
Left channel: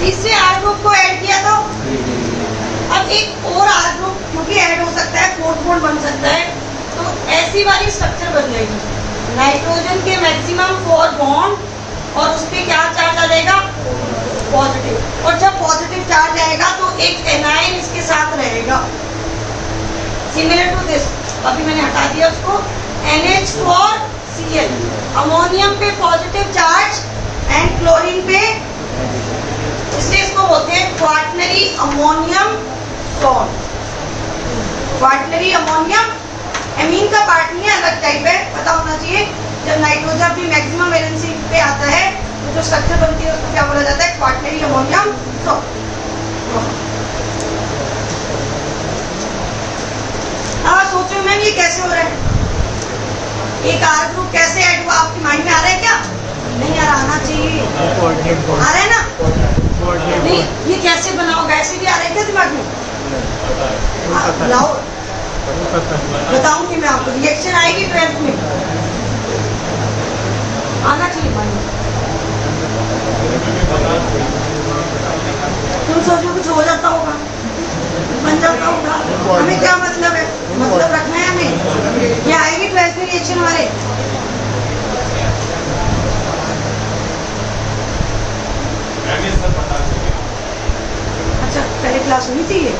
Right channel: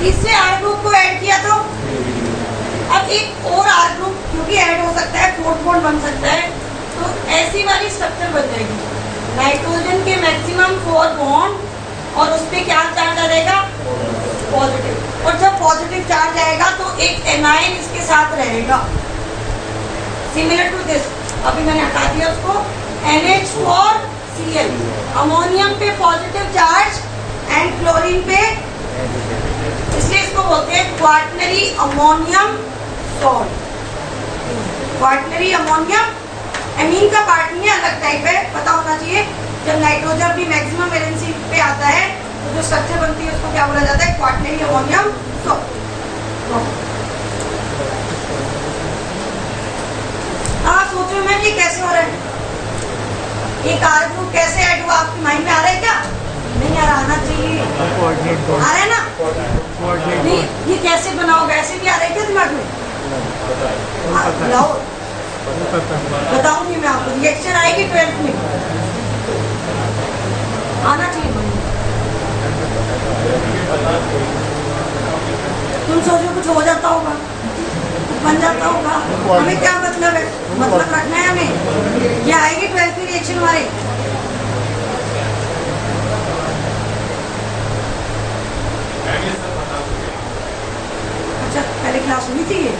तीसरे R ग्रुप को ऐड किया तो, अब एक और R ग्रुप क्योंकि ऐड हो सकता है, 4th बॉन्ड बन सकता है, तो ऐसी वाली स्ट्रक्चर बन जाएगी। नाइट्रोजन के मैक्सिमम 4 बॉन्ड और उस पे क्या चार्ज आ जाएगा? पॉजिटिव। और जब पॉजिटिव चार्ज आएगा तो एक एनाइन इसके साथ रहेगा, सिमिलर टू दिस। अभी मैंने हटा दिया उसको, NH4Cl, अमोनियम पे पॉजिटिव चार्ज एंड क्लोरीन पे, इसलिए इसको बोलते हैं quaternary ammonium salt. Quaternary ammonium amine का पार्ट नहीं है, अलग टाइप है, पता होना चाहिए। जब नाइट्रोजन अपनी मैक्सिमम वैलेंसी पे आता है तो जो स्ट्रक्चर बनती है उसको क्या बोला जाता है? Quaternary ammonium salt. हाँ सोचो मैम ये कैसे हो रहा है? एक R ग्रुप कैसे ऐड हुआ, आपके माइंड में आ रहा है क्या? नहीं आ रहा, आना चाहिए। आ रहा है ना? नहीं, ये कैसे बनाओ, वैसे भी आ रहा है क्या दिमाग में? बताओ, बताऊंगी मैं आपको, रिएक्शन आएगी 12th में, आना चाहिए माइंड। तुम सोचो कुछ हो जाता होगा, बन जाता होगा, हमें क्या मतलब है? मतलब रखना है हमें। ये आएगी 12th में रिएक्शन हमारे। अच्छा पहले क्लास हुई थी ये?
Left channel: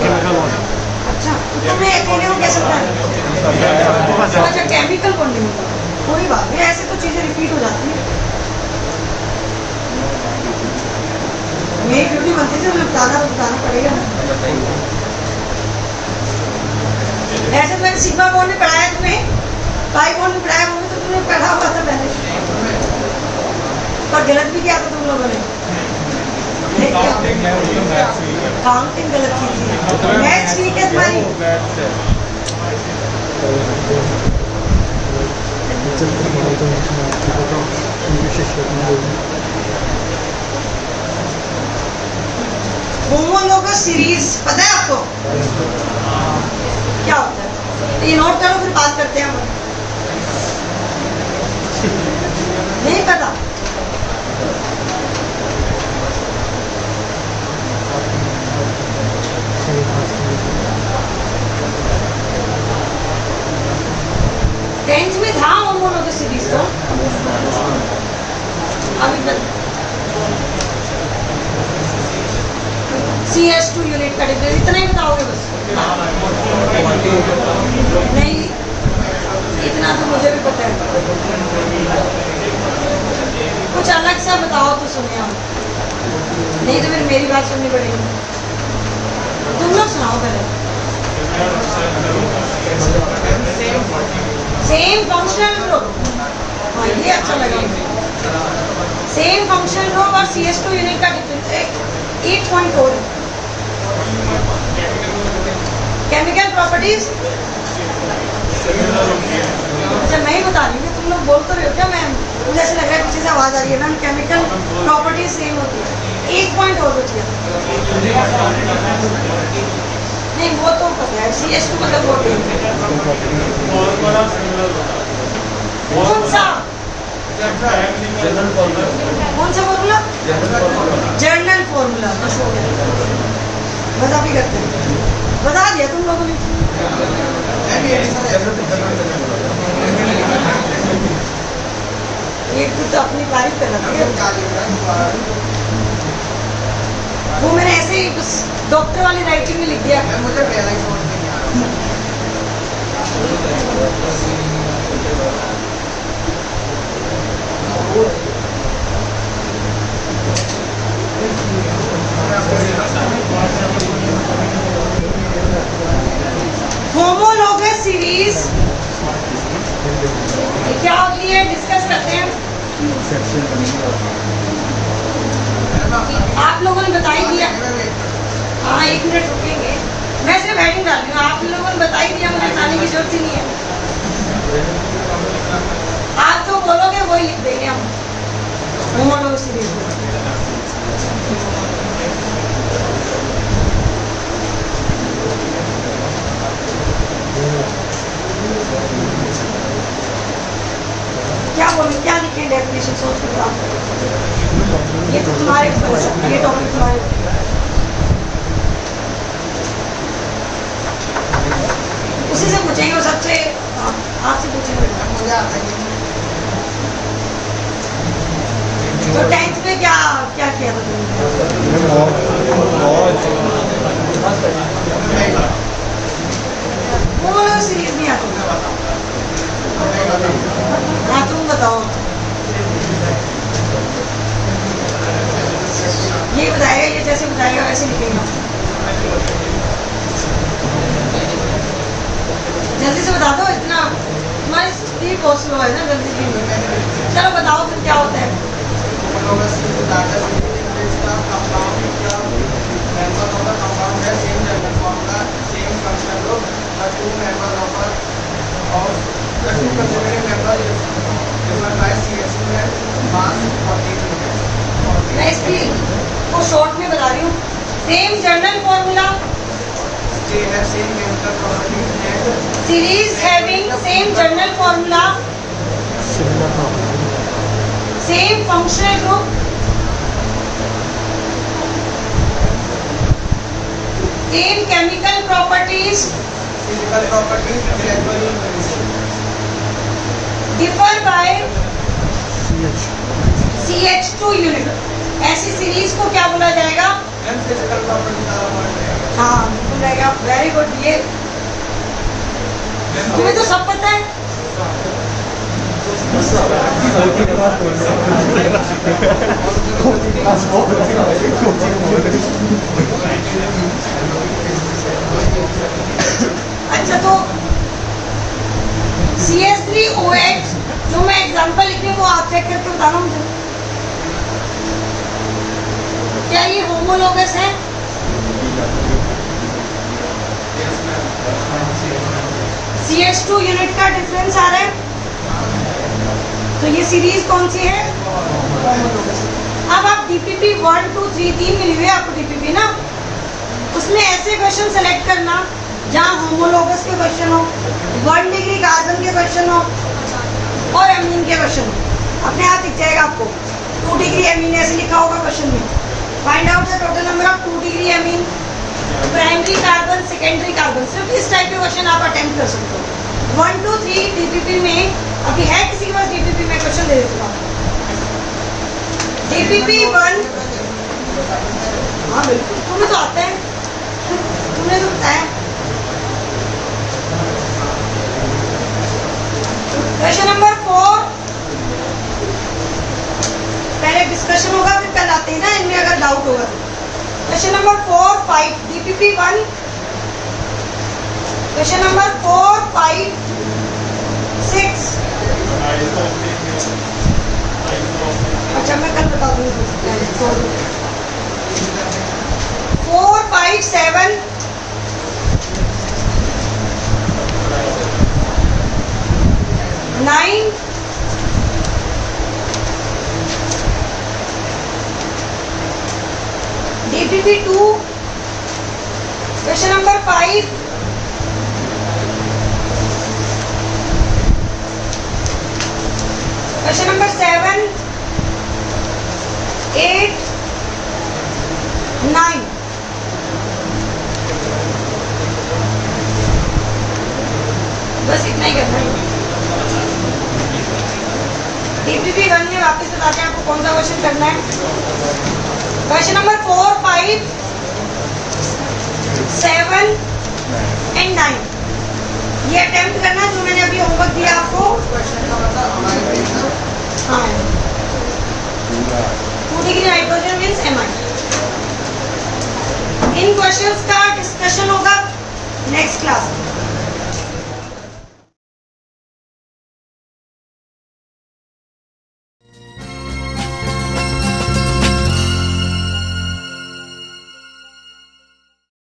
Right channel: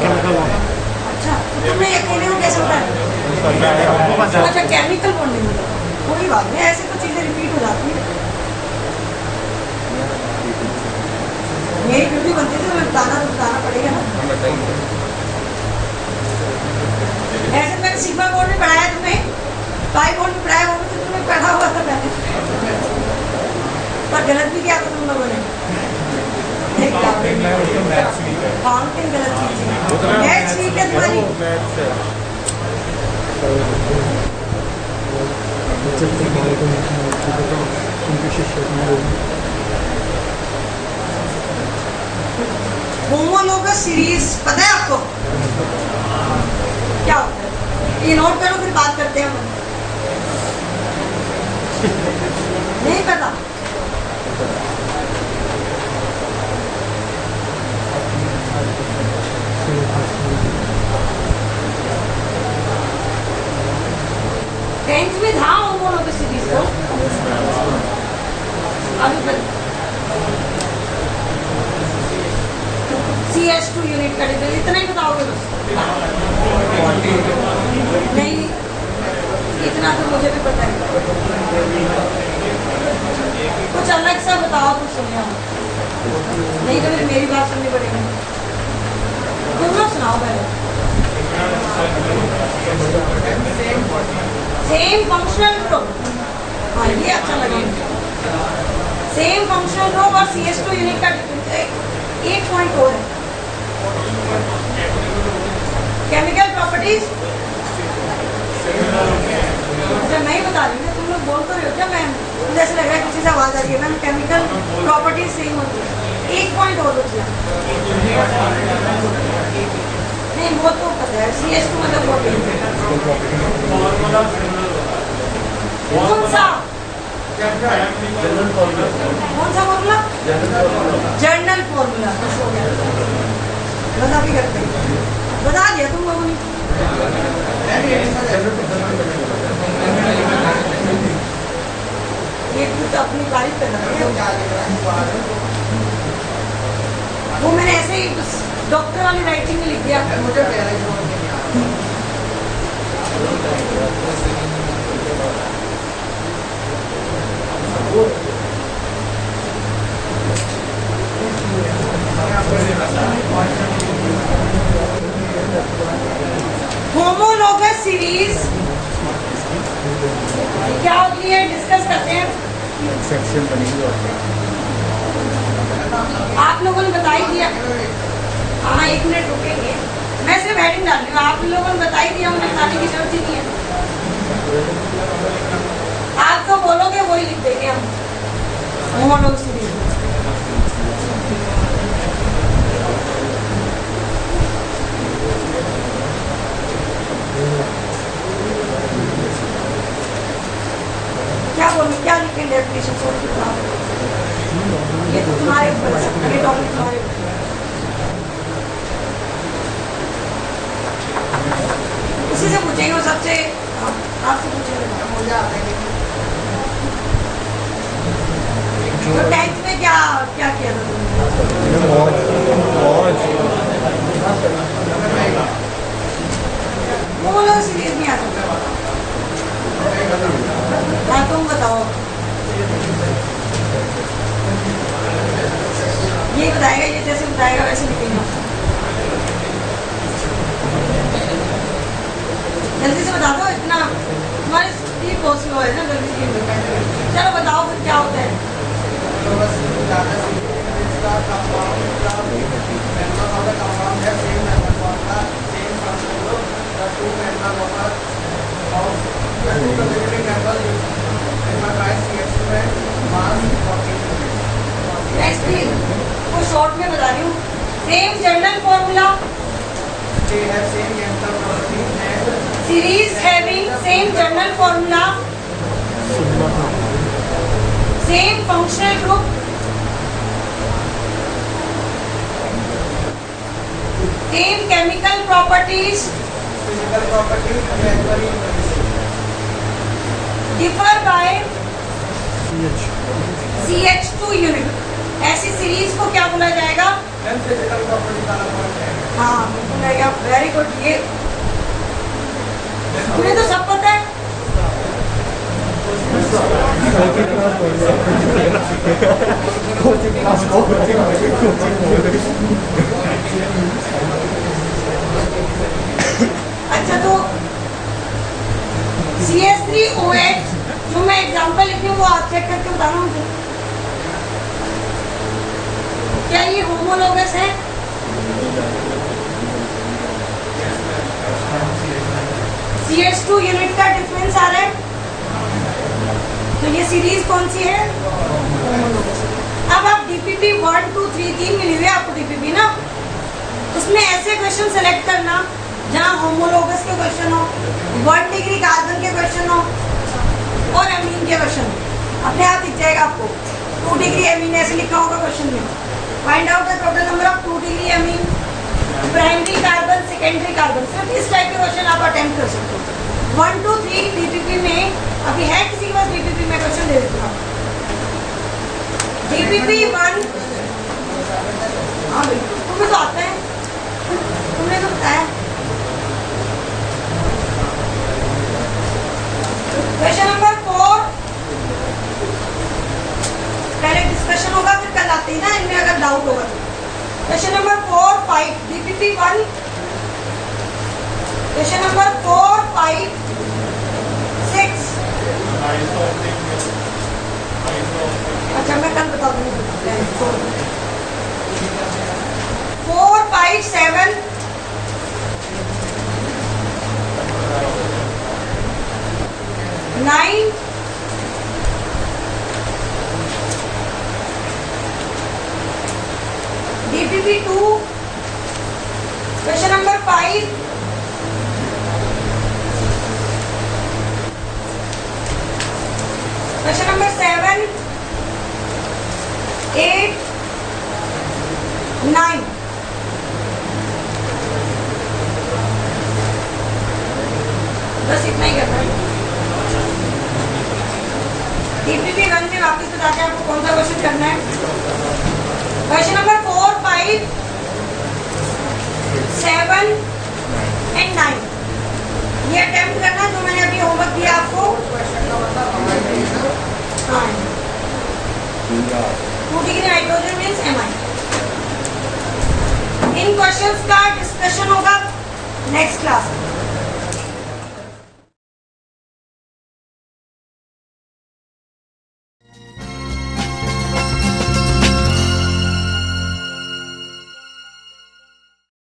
Chemical bond. अच्छा तो तुम्हें अकेले हो कैसे पता है? अच्छा केमिकल बॉन्डिंग होता है, कोई बात नहीं, ऐसे तो चीजें रिपीट हो जाती है। मेरी ड्यूटी बनती थी, मैं बताना पड़ेगा ना। ऐसे तो मैंने सिग्मा बॉन्ड में पढ़ाया तुम्हें, पाई बॉन्ड में पढ़ाया, वो भी तो तुमने पढ़ा हुआ था पहले, पर गलत भी किया था तुम लोगों ने। काउंटिंग गलत की थी, मैथ्स वीक है तुम्हारी। होमोलोगस सीरीज पता है आपको क्या होता है? ये नोट करो, फिर बात करते हैं हम। नहीं पता? CS2 यूनिट का डिफरेंस, इतना ही बताओगे बस? नहीं, इतना तो मुझे भी पता है। कुछ अलग सा बताओ तो सुने हम, नहीं तो फिर मेरी बात सुननी पड़ेगी। तुम लोग सुनाओ पहले। सेम फंक्शनल ग्रुप, हाँ ये अच्छा लगा। सेम फंक्शनल ग्रुप और CS2 यूनिट का डिफरेंस एक पॉइंट और है। केमिकल प्रॉपर्टीज, अच्छा मैं ही बता रही हूँ, तुम लोग बोल तो रहे हो क्या? मैं मुझे ऐसा लग रहा है किसी से आवाज़ आ रही है ना। केमिकल प्रॉपर्टीज सेम होती है, एक पॉइंट और होती है। नहीं वो तो पता है, CS2 मतलब वो कौन सा जनरल फॉर्मूला, कौन सा फॉर्मूला? जर्नल फॉर्मूला, बस हो गया। बता भी करते हैं, बता दिया तुम लोगों ने। ये तो अपनी तारीफ कर रहा है, वो मैंने ऐसे ही उस डॉक्टर वाली राइटिंग में लिख दिया। मुझे होमोलॉगस सीरीज क्या होती है, डिस्कस करते हैं। आप लोगों ने बता ही दिया। हाँ 1 मिनट रुकेंगे, मैं सिर्फ हेडिंग डाल रही हूँ। आप लोगों ने बता ही दिया, मुझे बताने की जरूरत ही नहीं है। आप तो बोलोगे वही लिख देंगे हम, होमोलॉगस सीरीज। क्या बोलूं, क्या लिखें डेफिनेशन? सोच के बताओ। ये तो तुम्हारे ऊपर है, ये टॉपिक तुम्हारे ऊपर है। उसी से पूछेंगे, वो सबसे आपसे पूछेंगे। मुझे आता है तो 10th में क्या क्या किया था तुमने? वो लोग सीरीज नहीं आते। हाँ तुम बताओ। ये बताएगा, ये जैसे बताएगा वैसे लिखेगा। जल्दी से बता दो, इतना तुम्हारी स्पीड बहुत स्लो है ना, जल्दी से। चलो बताओ फिर क्या होता है। मैं स्पीड को शॉर्ट में बता रही हूँ। Same journal formula, series having same journal formula, Similar property. same functional group, same chemical properties, differ by CH. CH2 unit। ऐसी सीरीज को क्या बोला जाएगा? हाँ बोलेगा। वेरी गुड, ये तुम्हें तो सब पता है। अच्छा तो CS3OH जो मैं एग्जांपल लिखी हूँ वो आप चेक करके बताना मुझे, क्या ये होमोलॉगस है? CS2 यूनिट का डिफरेंस आ रहा है, तो ये सीरीज कौन सी है? होमोलॉगस। अब आप DPP 1 2 3 3 मिली हुई है आपको DPP ना, उसमें ऐसे क्वेश्चन सेलेक्ट करना जहाँ होमोलॉगस के क्वेश्चन हो, 1 डिग्री कार्बन के क्वेश्चन हो और एमीन के क्वेश्चन हो। अपने हाथ दिख जाएगा आपको 2 डिग्री एमीन ऐसे लिखा होगा क्वेश्चन में। Find out the total number of 2 degree amine, primary carbon, secondary carbon. सिर्फ इस टाइप के क्वेश्चन आप अटेम्प्ट कर सकते हो। 1 2 3 DPP में अभी है किसी के पास DPP में क्वेश्चन दे देता हूँ। DPP 1, हाँ बिल्कुल तुम्हें तो आता है, तुमने तो बताया। क्वेश्चन नंबर 4, पहले डिस्कशन होगा फिर कल आते हैं ना, इनमें अगर डाउट होगा तो। Question number 4, 5 DPP 1। Question number 4, 5, 6। अच्छा मैं कल बता दूंगी। 4, 5, 7। 9। DPP 2। Question number 5। Question number 7, 8, 9। बस इतना ही करना है। DPP 1 में वापस बताते हैं आपको कौन सा क्वेश्चन करना है। क्वेश्चन नंबर 4, 5, 7 एंड 9 ये अटेम्प्ट करना जो मैंने अभी होमवर्क दिया आपको। हाँ 2 डिग्री नाइट्रोजन मीन्स Mi। इन क्वेश्चंस का डिस्कशन होगा नेक्स्ट क्लास में।